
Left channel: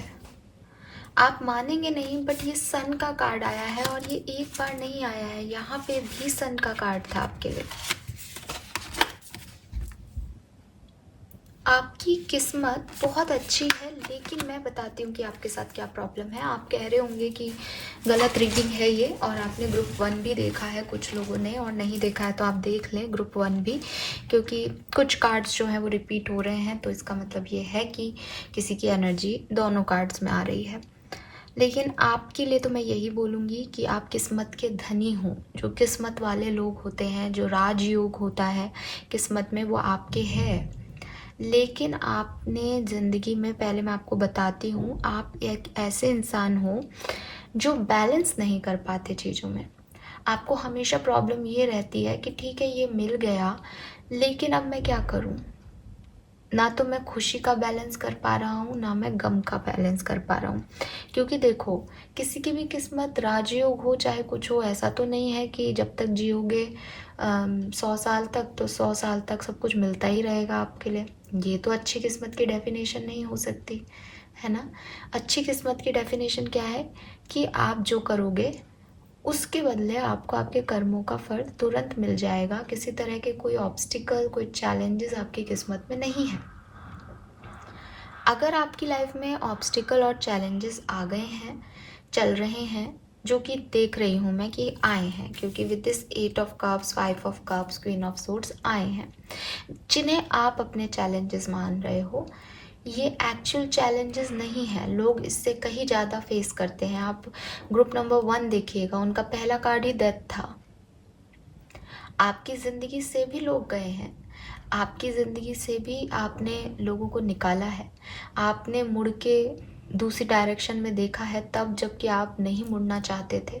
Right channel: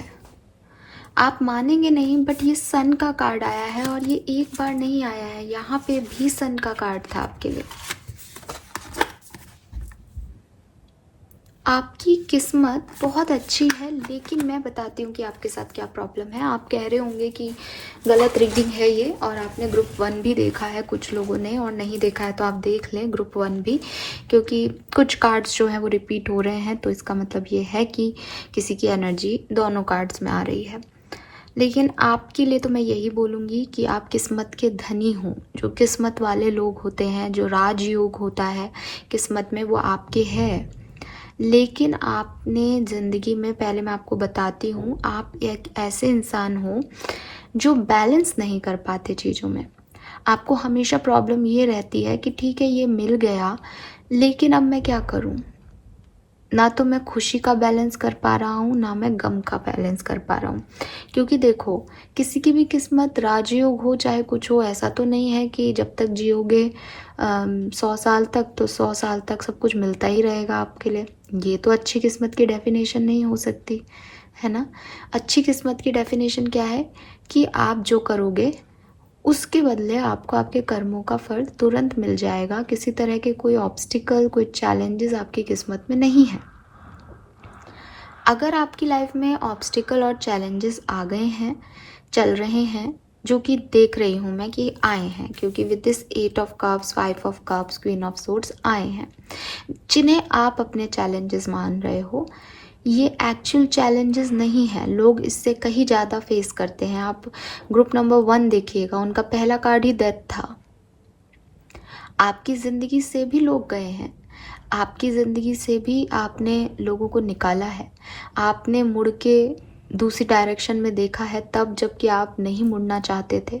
आप मानेंगे नहीं, बट ये सन का कार्ड आया है और ये एक बार नहीं आया है, यहाँ पे भी सन का कार्ड था आपके लिए। आपकी किस्मत बहुत अच्छी है, लेकिन मैं बताती हूँ कि आपके साथ क्या प्रॉब्लम है। आप कह रहे होंगे कि गलत रीडिंग है ये, और आपने ग्रुप 1 भी देखा है कुछ लोगों ने, और नहीं देखा है तो आप देख लें ग्रुप 1 भी, क्योंकि कुछ कार्ड्स जो है वो रिपीट हो रहे हैं, तो इसका मतलब ये है कि किसी की एनर्जी दोनों कार्ड्स में आ रही है। लेकिन आपके लिए तो मैं यही बोलूँगी कि आप किस्मत के धनी हो। जो किस्मत वाले लोग होते हैं, जो राजयोग होता है किस्मत में, वो आपके है। लेकिन आपने ज़िंदगी में, पहले मैं आपको बताती हूँ, आप एक ऐसे इंसान हो जो बैलेंस नहीं कर पाते चीज़ों में। आपको हमेशा प्रॉब्लम ये रहती है कि ठीक है ये मिल गया, लेकिन अब मैं क्या करूँ। ना तो मैं खुशी का बैलेंस कर पा रहा हूँ, ना मैं गम का बैलेंस कर पा रहा हूँ। क्योंकि देखो, किसी की भी किस्मत राजयोग हो चाहे कुछ हो, ऐसा तो नहीं है कि जब तक जियोगे 100 साल तक, तो 100 साल तक सब कुछ मिलता ही रहेगा आपके लिए। ये तो अच्छी किस्मत की डेफिनेशन नहीं हो सकती, है ना। अच्छी किस्मत की डेफिनेशन क्या है कि आप जो करोगे उसके बदले आपको आपके कर्मों का फल तुरंत मिल जाएगा। किसी तरह के कोई ऑब्स्टिकल, कोई चैलेंजेस आपकी किस्मत में नहीं है। अगर आपकी लाइफ में ऑब्स्टिकल और चैलेंजेस आ गए हैं, चल रहे हैं, जो कि देख रही हूँ मैं कि आए हैं, क्योंकि with this 8 of cups, 5 of cups, queen of swords आए हैं, जिन्हें आप अपने चैलेंजेस मान रहे हो, ये एक्चुअल चैलेंजेस नहीं है। लोग इससे कहीं ज़्यादा फेस करते हैं। आप ग्रुप नंबर 1 देखिएगा, उनका पहला कार्ड ही डेथ था। आपकी ज़िंदगी से भी लोग गए हैं, आपकी ज़िंदगी से भी आपने लोगों को निकाला है। आपने मुड़ के दूसरी डायरेक्शन में देखा है, तब जबकि आप नहीं मुड़ना चाहते थे।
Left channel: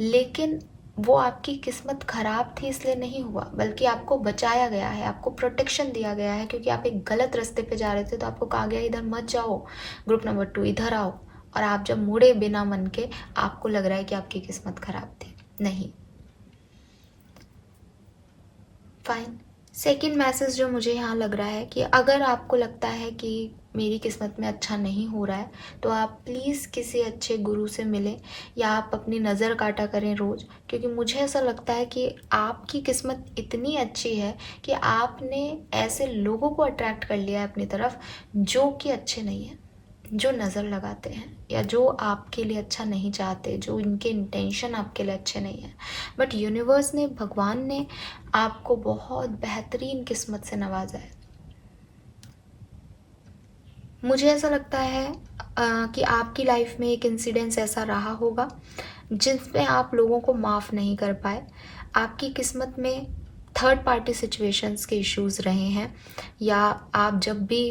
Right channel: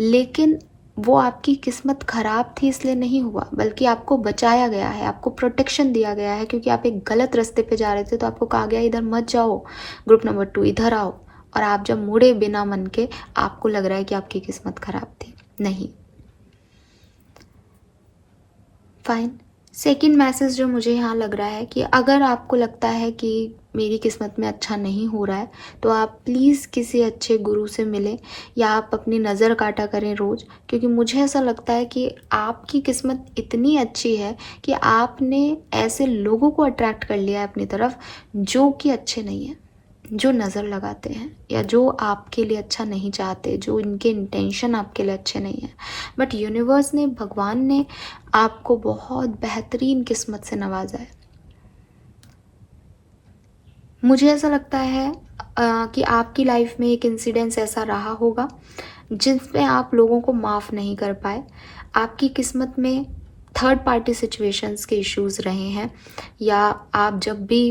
लेकिन वो आपकी किस्मत खराब थी इसलिए नहीं हुआ, बल्कि आपको बचाया गया है, आपको प्रोटेक्शन दिया गया है, क्योंकि आप एक गलत रास्ते पे जा रहे थे, तो आपको कहा गया इधर मत जाओ, ग्रुप नंबर 2 इधर आओ। और आप जब मुड़े बिना मन के, आपको लग रहा है कि आपकी किस्मत खराब थी। नहीं। फाइन। सेकेंड मैसेज जो मुझे यहाँ लग रहा है कि अगर आपको लगता है कि मेरी किस्मत में अच्छा नहीं हो रहा है, तो आप प्लीज़ किसी अच्छे गुरु से मिलें, या आप अपनी नज़र काटा करें रोज़। क्योंकि मुझे ऐसा लगता है कि आपकी किस्मत इतनी अच्छी है कि आपने ऐसे लोगों को अट्रैक्ट कर लिया है अपनी तरफ जो कि अच्छे नहीं हैं, जो नज़र लगाते हैं, या जो आपके लिए अच्छा नहीं चाहते, जो इनके इंटेंशन आपके लिए अच्छे नहीं हैं। बट यूनिवर्स ने, भगवान ने आपको बहुत बेहतरीन किस्मत से नवाजा है। मुझे ऐसा लगता है कि आपकी लाइफ में एक इंसिडेंस ऐसा रहा होगा जिसमें आप लोगों को माफ़ नहीं कर पाए। आपकी किस्मत में थर्ड पार्टी सिचुएशंस के इश्यूज रहे हैं, या आप जब भी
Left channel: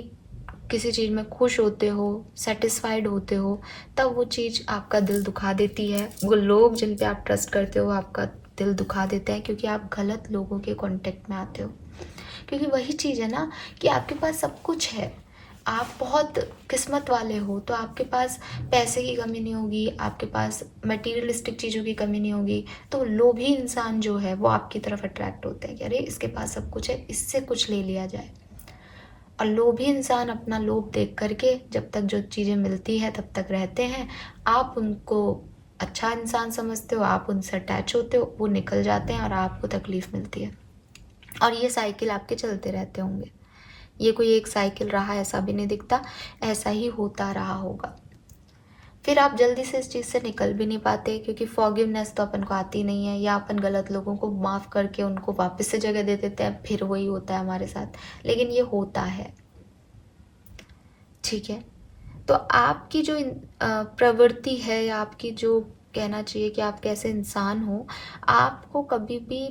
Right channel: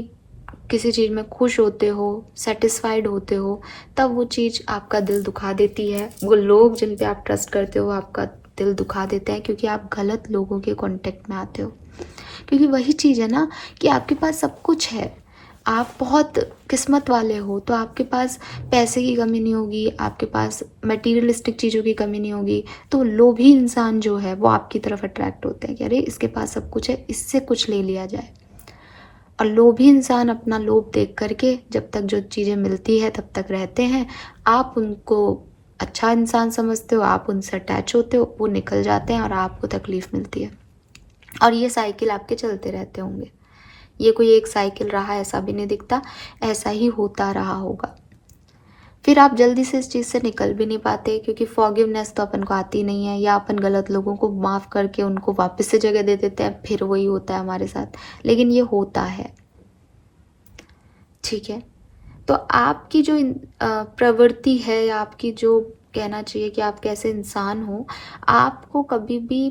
किसी चीज़ में खुश होते हो, सेटिस्फाइड होते हो, तब वो चीज़ आपका दिल दुखा देती है। वो लोग जिन पे आप ट्रस्ट करते हो आपका दिल दुखा देते हैं, क्योंकि आप गलत लोगों के कांटेक्ट में आते हो। क्योंकि वही चीज़ है ना कि आपके पास सब कुछ है, आप बहुत किस्मत वाले हो, तो आपके पास पैसे की कमी नहीं होगी, आपके पास मटेरियलिस्टिक चीज़ों की कमी नहीं होगी। तो लोभी इंसान जो है वो आपकी तरफ अट्रैक्ट होते हैं कि अरे इसके पास सब कुछ है, इससे कुछ ले लिया जाए। और लोभी इंसान अपना लोभ देख करके जब तक जो चीज़ें मिलती है तब तक रहते हैं। आप उनको अच्छा इंसान समझते हो, आप उनसे अटैच होते हो, वो निकल जाते हैं और आपको तकलीफ मिलती है। और ये साइकिल आपके चलते रहते होंगे। ये कोई एक साइकिल रहा ऐसा भी नहीं दिखता, ऐसा ही होता रहा होगा। फिर आप जल्दी से इस चीज़ से निकल भी नहीं पाते, क्योंकि फॉरगिवनेस तो अपन को आती नहीं है, या अपन गलत लोगों को माफ़ करके उनको वापस से जगह दे देते हैं, फिर वही होता है हमारे साथ। लेकिन ये होता है, ठीक है। तो आपकी जो प्रवृत्ति है, या आपकी जो कहना चाहिए कि आप कैसे इंसान हो, आपको कभी भी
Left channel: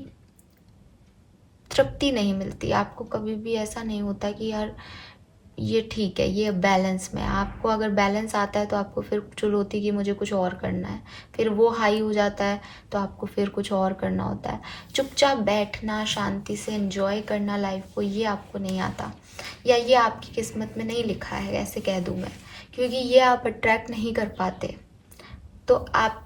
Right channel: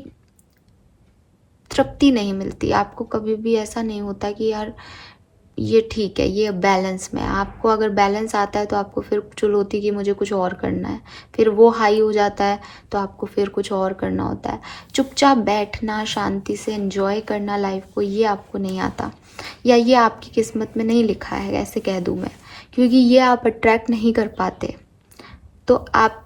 तृप्ति नहीं मिलती। आपको कभी भी ऐसा नहीं होता कि यार ये ठीक है, ये बैलेंस में है। आपको अगर बैलेंस आता है तो आपको फिर चुल होती है कि मुझे कुछ और करना है। फिर वो हाई हो जाता है तो आपको फिर कुछ और करना होता है। चुपचाप बैठना, शांति से एंजॉय करना लाइफ को, ये आपको नहीं आता, या ये आपकी किस्मत में नहीं लिखा है, ऐसे कह दूँ मैं, क्योंकि ये आप अट्रैक्ट नहीं कर पाते। तो आप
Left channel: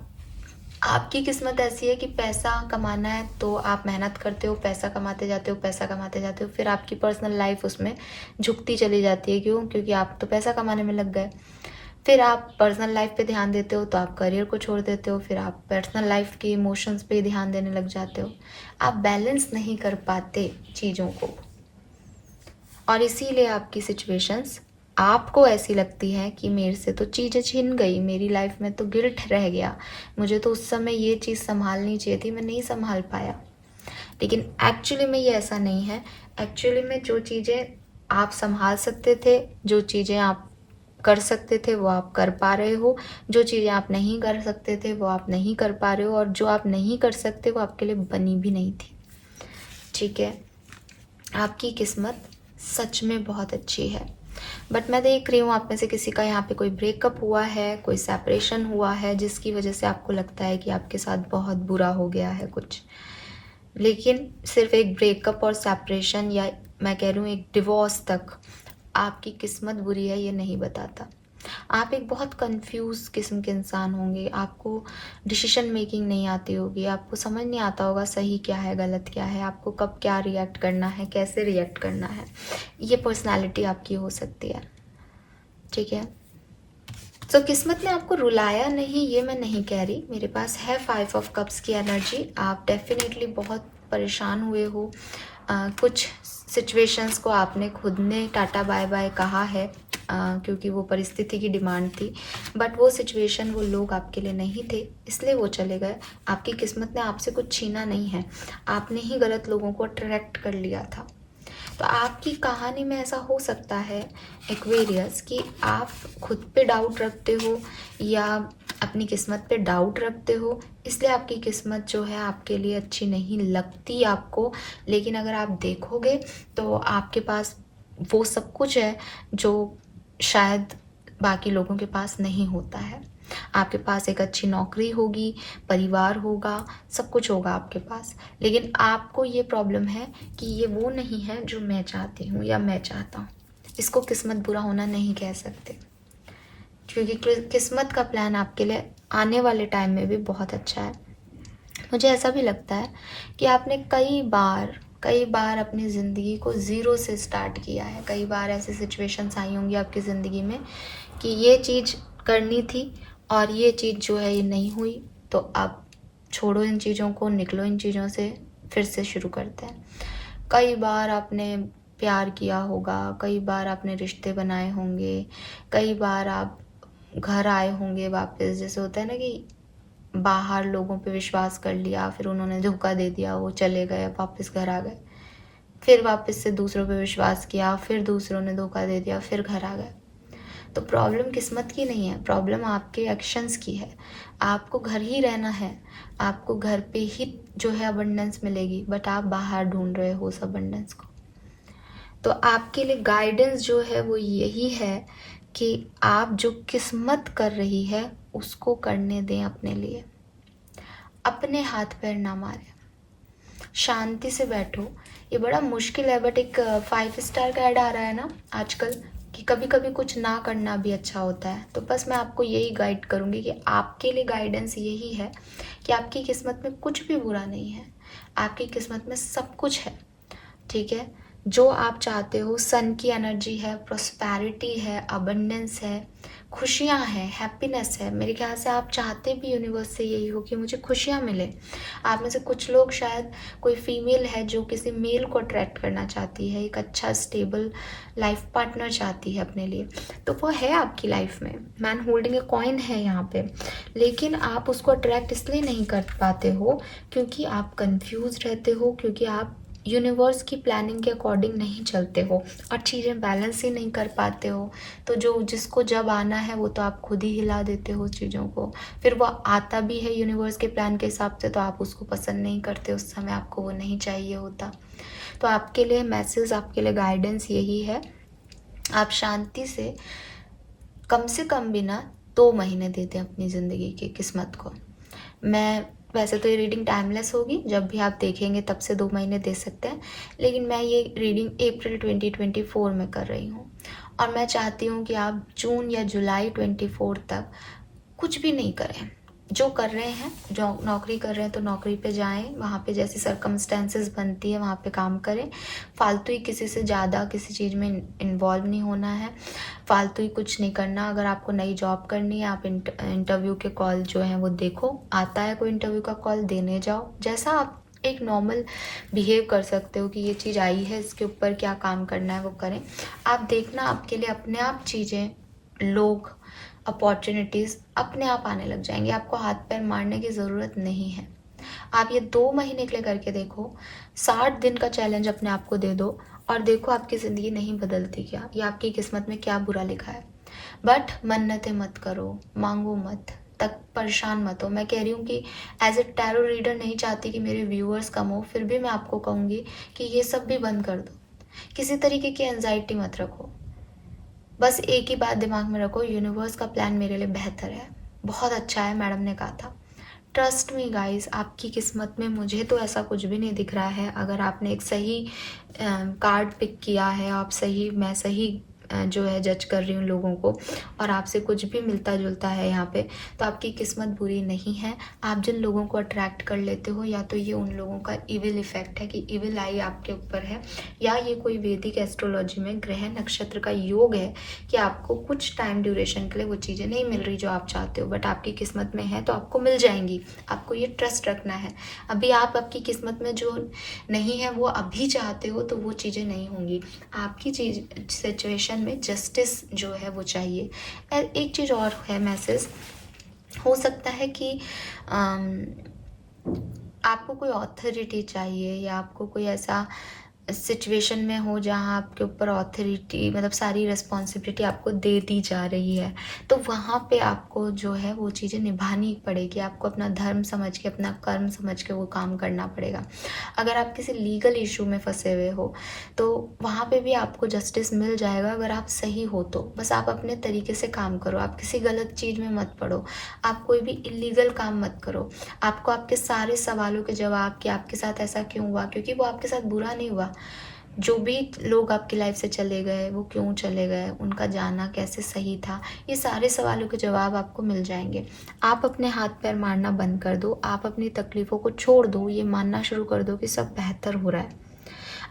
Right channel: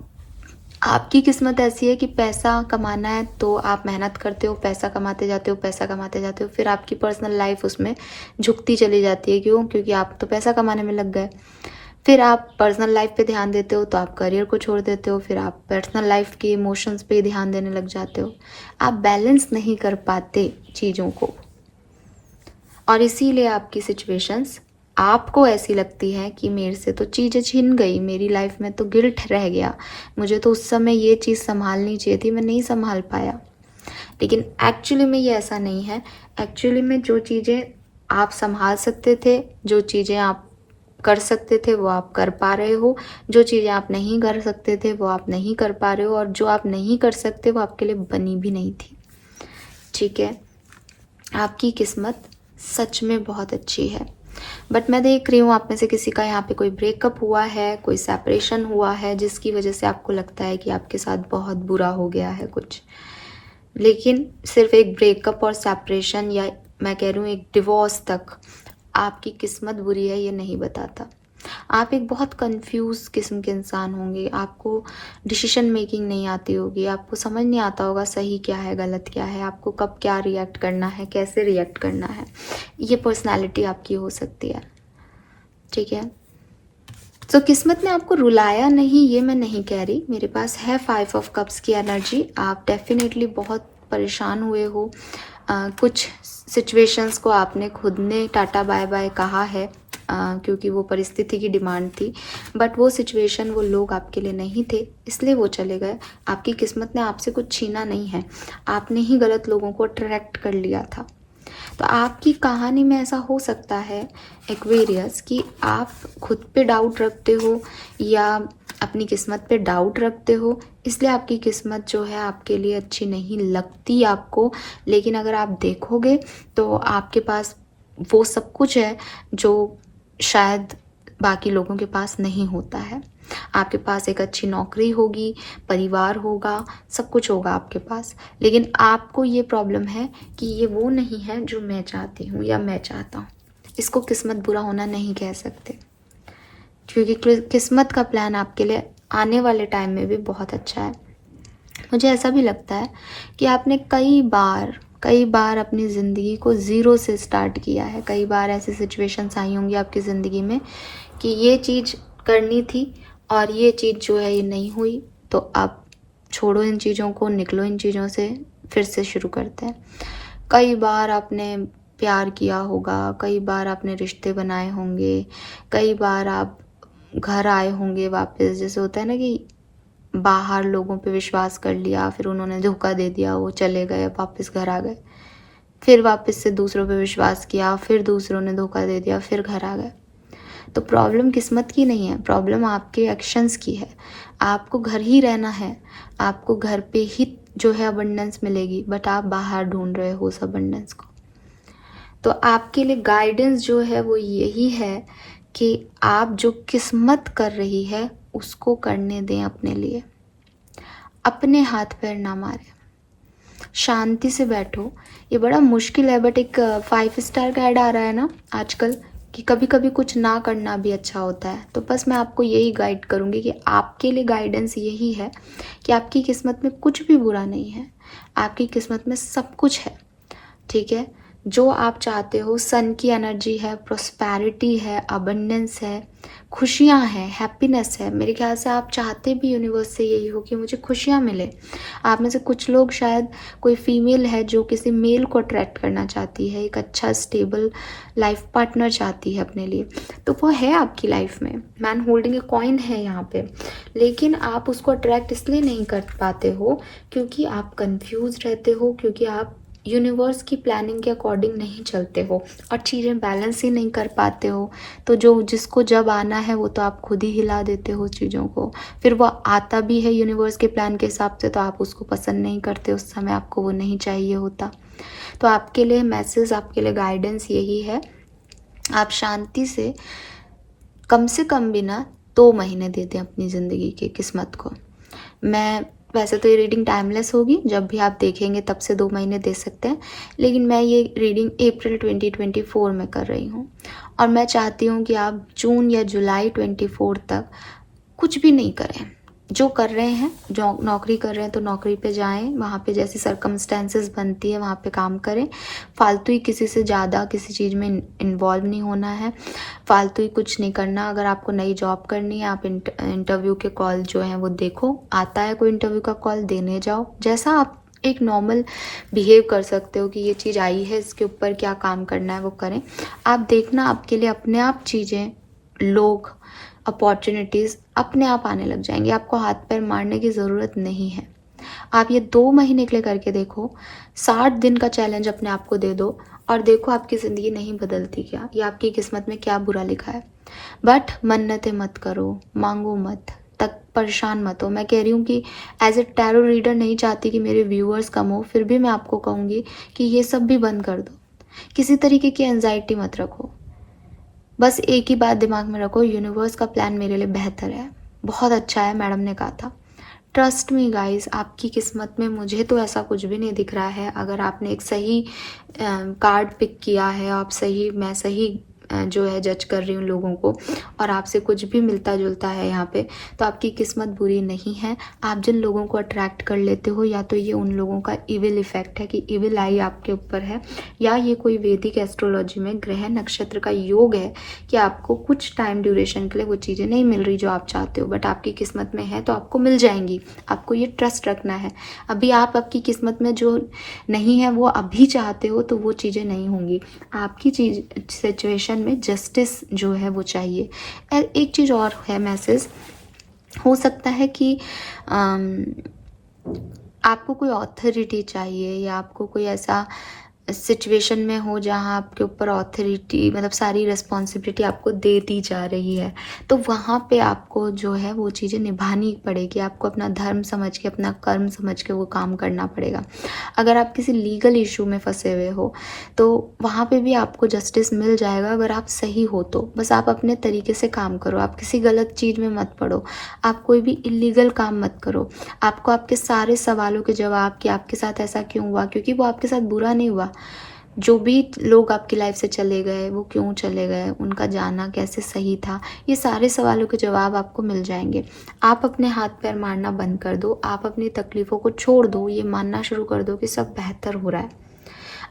आपकी किस्मत ऐसी है कि पैसा कमाना है तो आप मेहनत करते हो, पैसा कमाते जाते हो, पैसा कमाते जाते हो, फिर आपकी पर्सनल लाइफ उसमें झुकती चली जाती है। क्यों? क्योंकि आप तो पैसा कमाने में लग गए। फिर आप पर्सनल लाइफ पे ध्यान देते हो तो आप करियर को छोड़ देते हो, फिर आप पर्सनल लाइफ के इमोशंस पे ध्यान देने लग जाते हो। आप बैलेंस नहीं कर पाते चीज़ों को, और इसीलिए आपकी सिचुएशंस आपको ऐसी लगती है कि मेरे से तो चीज़ें छिन गई, मेरी लाइफ में तो गिल्ट रह गया, मुझे तो उस समय ये चीज़ संभालनी चाहिए थी, मैं नहीं संभाल पाया। लेकिन एक्चुअली में ये ऐसा नहीं है। एक्चुअली में जो चीज़ें आप संभाल सकते थे, जो चीज़ें आप कर सकते थे वो आप कर पा रहे हो, जो चीज़ें आप नहीं कर सकते थे वो आप नहीं कर पा रहे हो, और जो आप नहीं कर सकते वो आपके लिए बनी भी नहीं थी। ठीक है, आपकी किस्मत सच में बहुत अच्छी है। बट मैं देख रही हूँ आप में से किसी का यहाँ पे कोई ब्रेकअप हुआ है, कोई सेपरेशन हुआ है, जिसकी वजह से आपको लगता है कि आपके साथ बहुत बुरा हो गया है कुछ। लेकिन सिर्फ एक ब्रेकअप और सेपरेशन, या मैं कह रही हूँ एक डिवोर्स तक आपकी किस्मत बुरी है ये नहीं बताता। आप एक बहुत कंफ्यूज किस्म के इंसान होंगे, आपको डिसीजन मेकिंग नहीं आती होगी, आपको समझ नहीं आता होगा सही क्या है गलत क्या है, आपको कब क्या रिएक्ट करना है, कैसे रिएक्ट करना है। ये पर्सनालिटी आपकी हो सकती है। ठीक है, तो किस्मत ने आपको रुलाया नहीं ये मैं नहीं कह रही। मेरे पास है 5 ऑफ कप्स की एनर्जी। आप डेफिनेटली बहुत परेशान हुए हो, कुछ सिचुएशंस को आपने खुद ने टाटा बाय बाय कहा है, क्योंकि वो परिस्थिति की डिमांड थी। बट वो सिचुएशन, वो लोग आपके लिए नहीं थे, इसलिए वो चले गए। आपकी किस्मत ने आपसे कुछ छीना नहीं है, आपने ही गलत लोगों को अट्रैक्ट कर लिया था। तो आपकी कहानी में ऐसा हो सकता है एक्वेरियस कि आप खुद पे डाउट रखते हो या अपनी किस्मत पे डाउट रखते हो, इसलिए आपकी किस्मत जो है आपके लिए अच्छी नहीं लगती आपको। लेकिन अगर आप देखोगे तो आपके पास वो सब कुछ है जो शायद बाकी लोगों के पास नहीं होता है। आपके पास एक अच्छी नौकरी होगी, परिवार होगा, सब कुछ होगा आपके पास। लेकिन आपको ये प्रॉब्लम है कि ये वो नहीं है जो मैं चाहती हूँ या मैं चाहता हूँ। इसको किस्मत बुरा होना नहीं कह सकते, क्योंकि किस्मत का प्लान आपके लिए आने वाले टाइम में भी बहुत अच्छा है। मुझे ऐसा भी लगता है कि आपने कई बार अपनी ज़िंदगी को ज़ीरो से स्टार्ट किया है। कई बार ऐसी सिचुएशंस आई होंगी आपकी ज़िंदगी में कि ये चीज़ करनी थी और ये चीज़ जो है ये नहीं हुई, तो आप छोड़ो इन चीज़ों को, निकलो इन चीज़ों से, फिर से शुरू करते हैं। कई बार आपने प्यार किया होगा, कई बार आपने रिश्ते बनाए होंगे, कई बार आप घर आए होंगे वापस। जैसे होता है ना कि बाहर लोगों पे विश्वास कर लिया, फिर उन्होंने धोखा दे दिया, वो चले गए, वापस घर आ गए, फिर वापस से दूसरों पे विश्वास किया, फिर दूसरों ने धोखा दे दिया, फिर घर आ गए। तो प्रॉब्लम किस्मत की नहीं है, प्रॉब्लम आपके एक्शंस की है। आपको घर ही रहना है, आपको घर पे ही जो है अबंडेंस मिलेगी, बट आप बाहर ढूंढ रहे हो उस अबंडेंस को। तो आपके लिए गाइडेंस जो है वो यही है कि आप जो किस्मत कर रही है उसको करने दें अपने लिए, अपने हाथ पैर ना मारें, शांति से बैठो। ये बड़ा मुश्किल है, बट एक 5 स्टार का ऐड आ रहा है ना आजकल कि कभी कभी कुछ ना करना भी अच्छा होता है। तो बस मैं आपको यही गाइड करूँगी कि आपके लिए गाइडेंस यही है कि आपकी किस्मत में कुछ भी बुरा नहीं है, आपकी किस्मत में सब कुछ है। ठीक है, जो आप चाहते हो, सन की एनर्जी है, प्रोस्पैरिटी है, अबंडेंस है, खुशियाँ हैं, हैप्पीनेस है। मेरे ख्याल से आप चाहते भी यूनिवर्स से यही हो कि मुझे खुशियाँ मिले। आप में से कुछ लोग, शायद कोई फीमेल है जो किसी मेल को अट्रैक्ट करना चाहती है, एक अच्छा स्टेबल लाइफ पार्टनर चाहती है अपने लिए, तो वो है आपकी लाइफ में, मैन होल्डिंग ए कॉइन है यहाँ पे। लेकिन आप उसको अट्रैक्ट इसलिए नहीं कर पाते हो क्योंकि आप कंफ्यूज रहते हो, क्योंकि आप यूनिवर्स की प्लानिंग के अकॉर्डिंग नहीं चलते हो और चीज़ें बैलेंस ही नहीं कर पाते हो। तो जो जिसको जब आना है वो तो आप खुद ही हिला देते हो चीज़ों को, फिर वो आता भी है यूनिवर्स के प्लान के हिसाब से तो आप उसको पसंद नहीं करते, उस समय आपको वो नहीं चाहिए होता। तो आपके लिए मैसेज, आपके लिए गाइडेंस यही है, आप शांति से कम से कम भी ना 2 महीने देते हैं अपनी ज़िंदगी की किस्मत को। मैं वैसे तो ये रीडिंग टाइमलेस होगी, जब भी आप देखेंगे तब से 2 महीने दे सकते हैं, लेकिन मैं ये रीडिंग अप्रैल 2024 में कर रही हूँ और मैं चाहती हूँ कि आप जून या जुलाई 24 तक कुछ भी नहीं करें, जो कर रहे हैं, जो नौकरी कर रहे हैं तो नौकरी पे जाएं, वहाँ पे जैसी सर्कमस्टेंसेस बनती है वहाँ पे काम करें। फालतू ही किसी से ज़्यादा किसी चीज़ में इन्वॉल्व नहीं होना है, फालतू ही कुछ नहीं करना। अगर आपको नई जॉब करनी है, आप इंटरव्यू के कॉल जो हैं वो देखो, आता है कोई इंटरव्यू का कॉल, देने जाओ। जैसा आप एक नॉर्मल बिहेव कर सकते हो कि ये चीज़ आई है, इसके ऊपर क्या काम करना है वो करें। आप देखना आपके लिए अपने आप चीज़ें, लोग, अपॉर्चुनिटीज़ अपने आप आने लग जाएंगे। आपको हाथ पैर मारने की ज़रूरत नहीं है। आप ये 2 महीने के लिए करके देखो, 60 दिन का चैलेंज अपने आप को दे दो और देखो आपकी ज़िंदगी नहीं बदलती क्या, या आपकी किस्मत में क्या बुरा लिखा है। बट मन्नतें मत करो, मांगो मत, तक परेशान मत हो। मैं कह रही हूँ कि एज ए टैरो रीडर नहीं चाहती कि मेरे व्यूअर्स कम हो, फिर भी मैं आपको कहूँगी कि ये सब भी बंद कर दो। किसी तरीके की एंजाइटी मत रखो। बस एक ही बात दिमाग में रखो, यूनिवर्स का प्लान मेरे लिए बेहतर है, बहुत अच्छा है। मैडम ने कहा था ट्रस्ट मी गाइस, आपकी किस्मत में मुझे तो ऐसा कुछ भी नहीं दिख रहा है। अगर आपने एक सही कार्ड पिक किया है, आप सही, मैं सही जो है जज कर रही हूँ लोगों को, और आपसे कुछ भी मिलता जुलता है यहाँ पे, तो आपकी किस्मत बुरी नहीं है। आप जिन लोगों को अट्रैक्ट कर लेते हो, या तो ये उन लोगों का इविल इफेक्ट है कि इविल आई आपके ऊपर है, या ये कोई वैदिक एस्ट्रोलॉजी में ग्रह नक्षत्र का योग है कि आपको कुछ टाइम ड्यूरेशन के लिए वो चीज़ें नहीं मिल रही जो आप चाहते हो, बट आपकी किस्मत में है तो आपको मिल जाएंगी। आपको ये ट्रस्ट रखना है। अभी आप आपकी किस्मत में जो नहीं है वो अभी चाहते हो तो वो चीज़ें नहीं होंगी। आपकी चीज सिचुएशन में जस्टिस जो है वो चाहिए। एक चीज़ और है मैसेज, हो सकता है कि आपको कोई ऑथोरिटी चाहिए, या आपको कोई ऐसा सिचुएशन में हो जहाँ आपके ऊपर ऑथोरिटी, मतलब सारी रिस्पॉन्सिबिलिटी आपको दे दी जा रही है, तो वहाँ पे आपको जो है वो चीज़ें निभानी पड़ेगी। आपको अपना धर्म समझ के, अपना कर्म समझ के वो काम करना पड़ेगा। अगर आप किसी लीगल इशू में फंसे हुए हो तो वहाँ पे भी आपको जस्टिस मिल जाएगा, अगर आप सही हो तो। बस आप अपने तरीके से काम करो, आप किसी गलत चीज़ में मत पड़ो, आप कोई भी इलीगल काम मत करो। आपको आपके सारे सवालों के जवाब कि आपके साथ ऐसा क्यों हुआ, क्योंकि वो आपके साथ बुरा नहीं हुआ। जो भी लोग आपकी लाइफ से चले गए, वो क्यों चले गए, उनका जाना कैसे सही था, ये सारे सवालों के जवाब आपको मिल जाएंगे। आप अपने हाथ पैर मारना बंद कर दो, आप अपनी तकलीफ़ों को छोड़ दो, ये मानना शुरू कर दो कि सब बेहतर हो रहा है।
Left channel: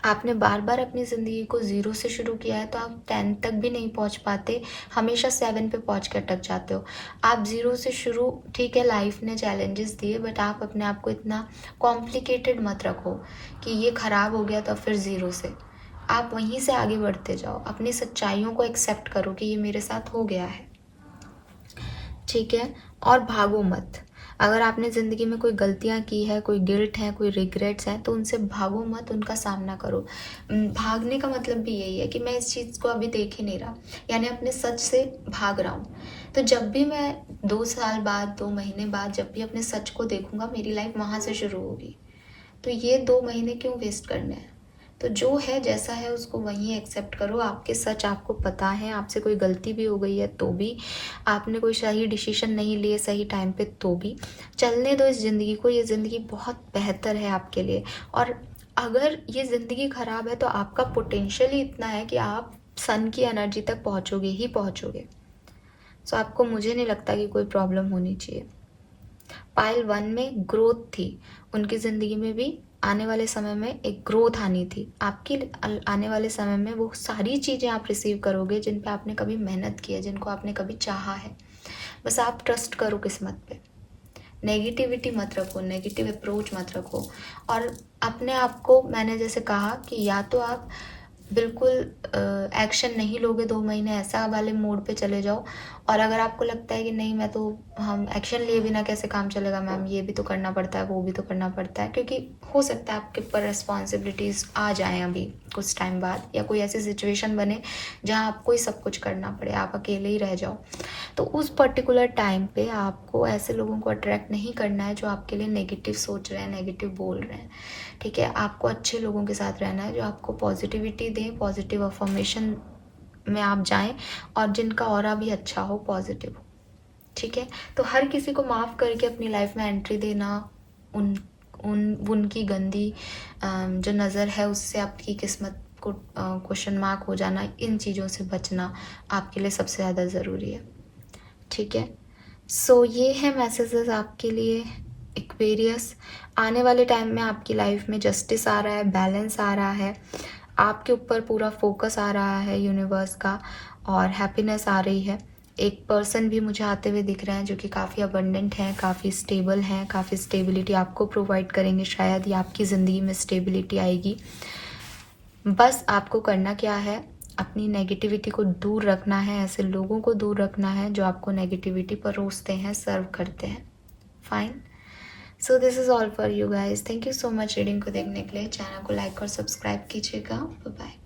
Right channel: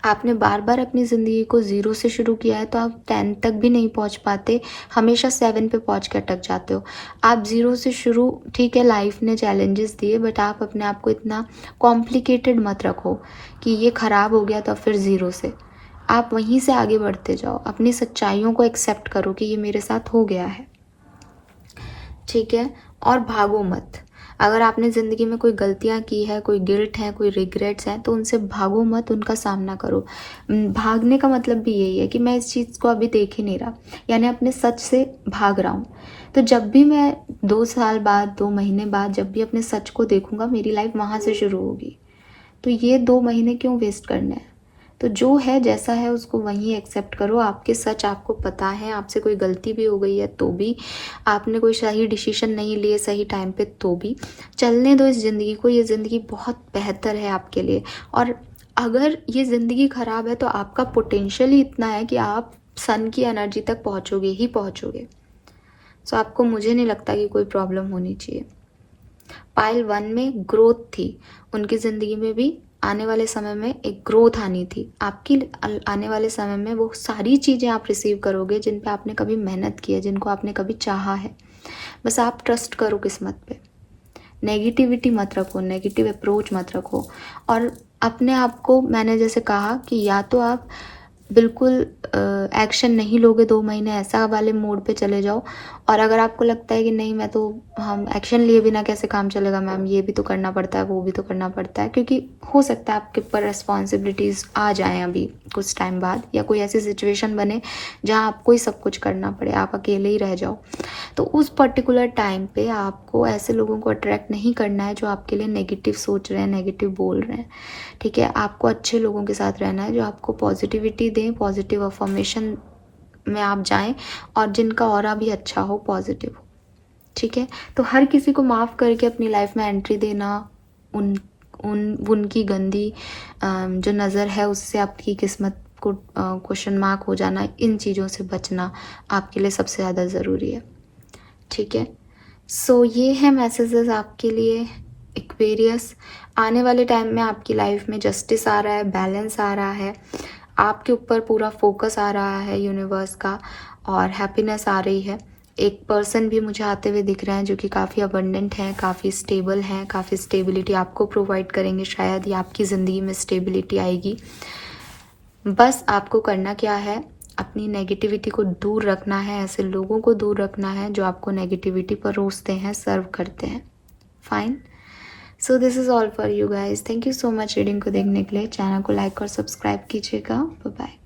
आपने बार बार अपनी ज़िंदगी को ज़ीरो से शुरू किया है तो आप 10 तक भी नहीं पहुंच पाते, हमेशा 7 पे पहुंच के अटक जाते हो। आप ज़ीरो से शुरू, ठीक है लाइफ ने चैलेंजेस दिए, बट आप अपने आप को इतना कॉम्प्लिकेटेड मत रखो कि ये ख़राब हो गया तो फिर ज़ीरो से। आप वहीं से आगे बढ़ते जाओ, अपनी सच्चाइयों को एक्सेप्ट करो कि ये मेरे साथ हो गया है, ठीक है। और भागो मत। अगर आपने ज़िंदगी में कोई गलतियाँ की है, कोई गिल्ट है, कोई रिग्रेट्स हैं, तो उनसे भागो मत, उनका सामना करो। भागने का मतलब भी यही है कि मैं इस चीज़ को अभी देख ही नहीं रहा, यानी अपने सच से भाग रहा हूँ। तो जब भी मैं 2 साल बाद, 2 महीने बाद जब भी अपने सच को देखूँगा, मेरी लाइफ वहाँ से शुरू होगी। तो ये 2 महीने क्यों वेस्ट करने हैं। तो जो है जैसा है उसको वहीं एक्सेप्ट करो। आपके सच आपको पता है, आपसे कोई गलती भी हो गई है तो भी, आपने कोई सही डिसीजन नहीं लिए सही टाइम पे तो भी, चलने दो इस ज़िंदगी को। ये ज़िंदगी बहुत बेहतर है आपके लिए। और अगर ये ज़िंदगी ख़राब है तो आपका पोटेंशियल ही इतना है कि आप सन की एनर्जी तक पहुँचोगे ही पहुँचोगे। सो आपको, मुझे नहीं लगता कि कोई प्रॉब्लम होनी चाहिए। पाइल 1 में ग्रोथ थी, उनकी ज़िंदगी में भी आने वाले समय में एक ग्रोथ आनी थी। आपकी आने वाले समय में वो सारी चीज़ें आप रिसीव करोगे जिन पे आपने कभी मेहनत की है, जिनको आपने कभी चाहा है। बस आप ट्रस्ट करो किस्मत पे। नेगेटिविटी मत रखो, नेगेटिव अप्रोच मत रखो। और अपने आप को, मैंने जैसे कहा कि या तो आप बिल्कुल एक्शन नहीं लोगे 2 महीने, ऐसा वाले मोड पे चले जाओ। और अगर आपको लगता है कि नहीं, मैं तो, हम एक्शन लिए बिना कैसे काम चलेगा मैम, ये भी तो करना पड़ता है, वो भी तो करना पड़ता है, क्योंकि हो सकता है आपके ऊपर रिस्पॉन्सिबिलिटीज़ आ जाएं अभी कुछ टाइम बाद, या कोई ऐसी सिचुएशन बने जहाँ आपको ही सब कुछ करना पड़े, आप अकेले ही रह जाओ। तो उस पर्टिकुलर टाइम पे आपको ऐसे लोगों को अट्रैक्ट नहीं करना है जो आपके लिए नेगेटिव सोच रहे हैं, नेगेटिव बोल रहे हैं, ठीक है। आपको अच्छे लोगों के साथ रहना है जो आपको पॉजिटिविटी दें, पॉजिटिव अफर्मेशन में आप जाएं, और जिनका ऑरा भी अच्छा हो, पॉजिटिव, ठीक है। तो हर किसी को माफ़ करके अपनी लाइफ में एंट्री देना, उनकी गंदी जो नज़र है उससे आपकी किस्मत को क्वेश्चन मार्क हो जाना, इन चीज़ों से बचना आपके लिए सबसे ज़्यादा ज़रूरी है, ठीक है। सो ये है मैसेजेस आपके लिए एक्वेरियस। आने वाले टाइम में आपकी लाइफ में जस्टिस आ रहा है, बैलेंस आ रहा है, आपके ऊपर पूरा फोकस आ रहा है यूनिवर्स का, और हैप्पीनेस आ रही है। एक पर्सन भी मुझे आते हुए दिख रहा है जो कि काफ़ी अबंडेंट है, काफ़ी स्टेबल है, काफ़ी स्टेबिलिटी आपको प्रोवाइड करेंगे। शायद ही आपकी ज़िंदगी में स्टेबिलिटी आएगी। बस आपको करना क्या है, अपनी नेगेटिविटी को दूर रखना है, ऐसे लोगों को दूर रखना है जो आपको नेगेटिविटी परोसते हैं, सर्व करते हैं। Fine. So this is all for you guys. Thank you so much reading को देखने के लिए। चैनल को लाइक और सब्सक्राइब कीजिएगा। Bye bye.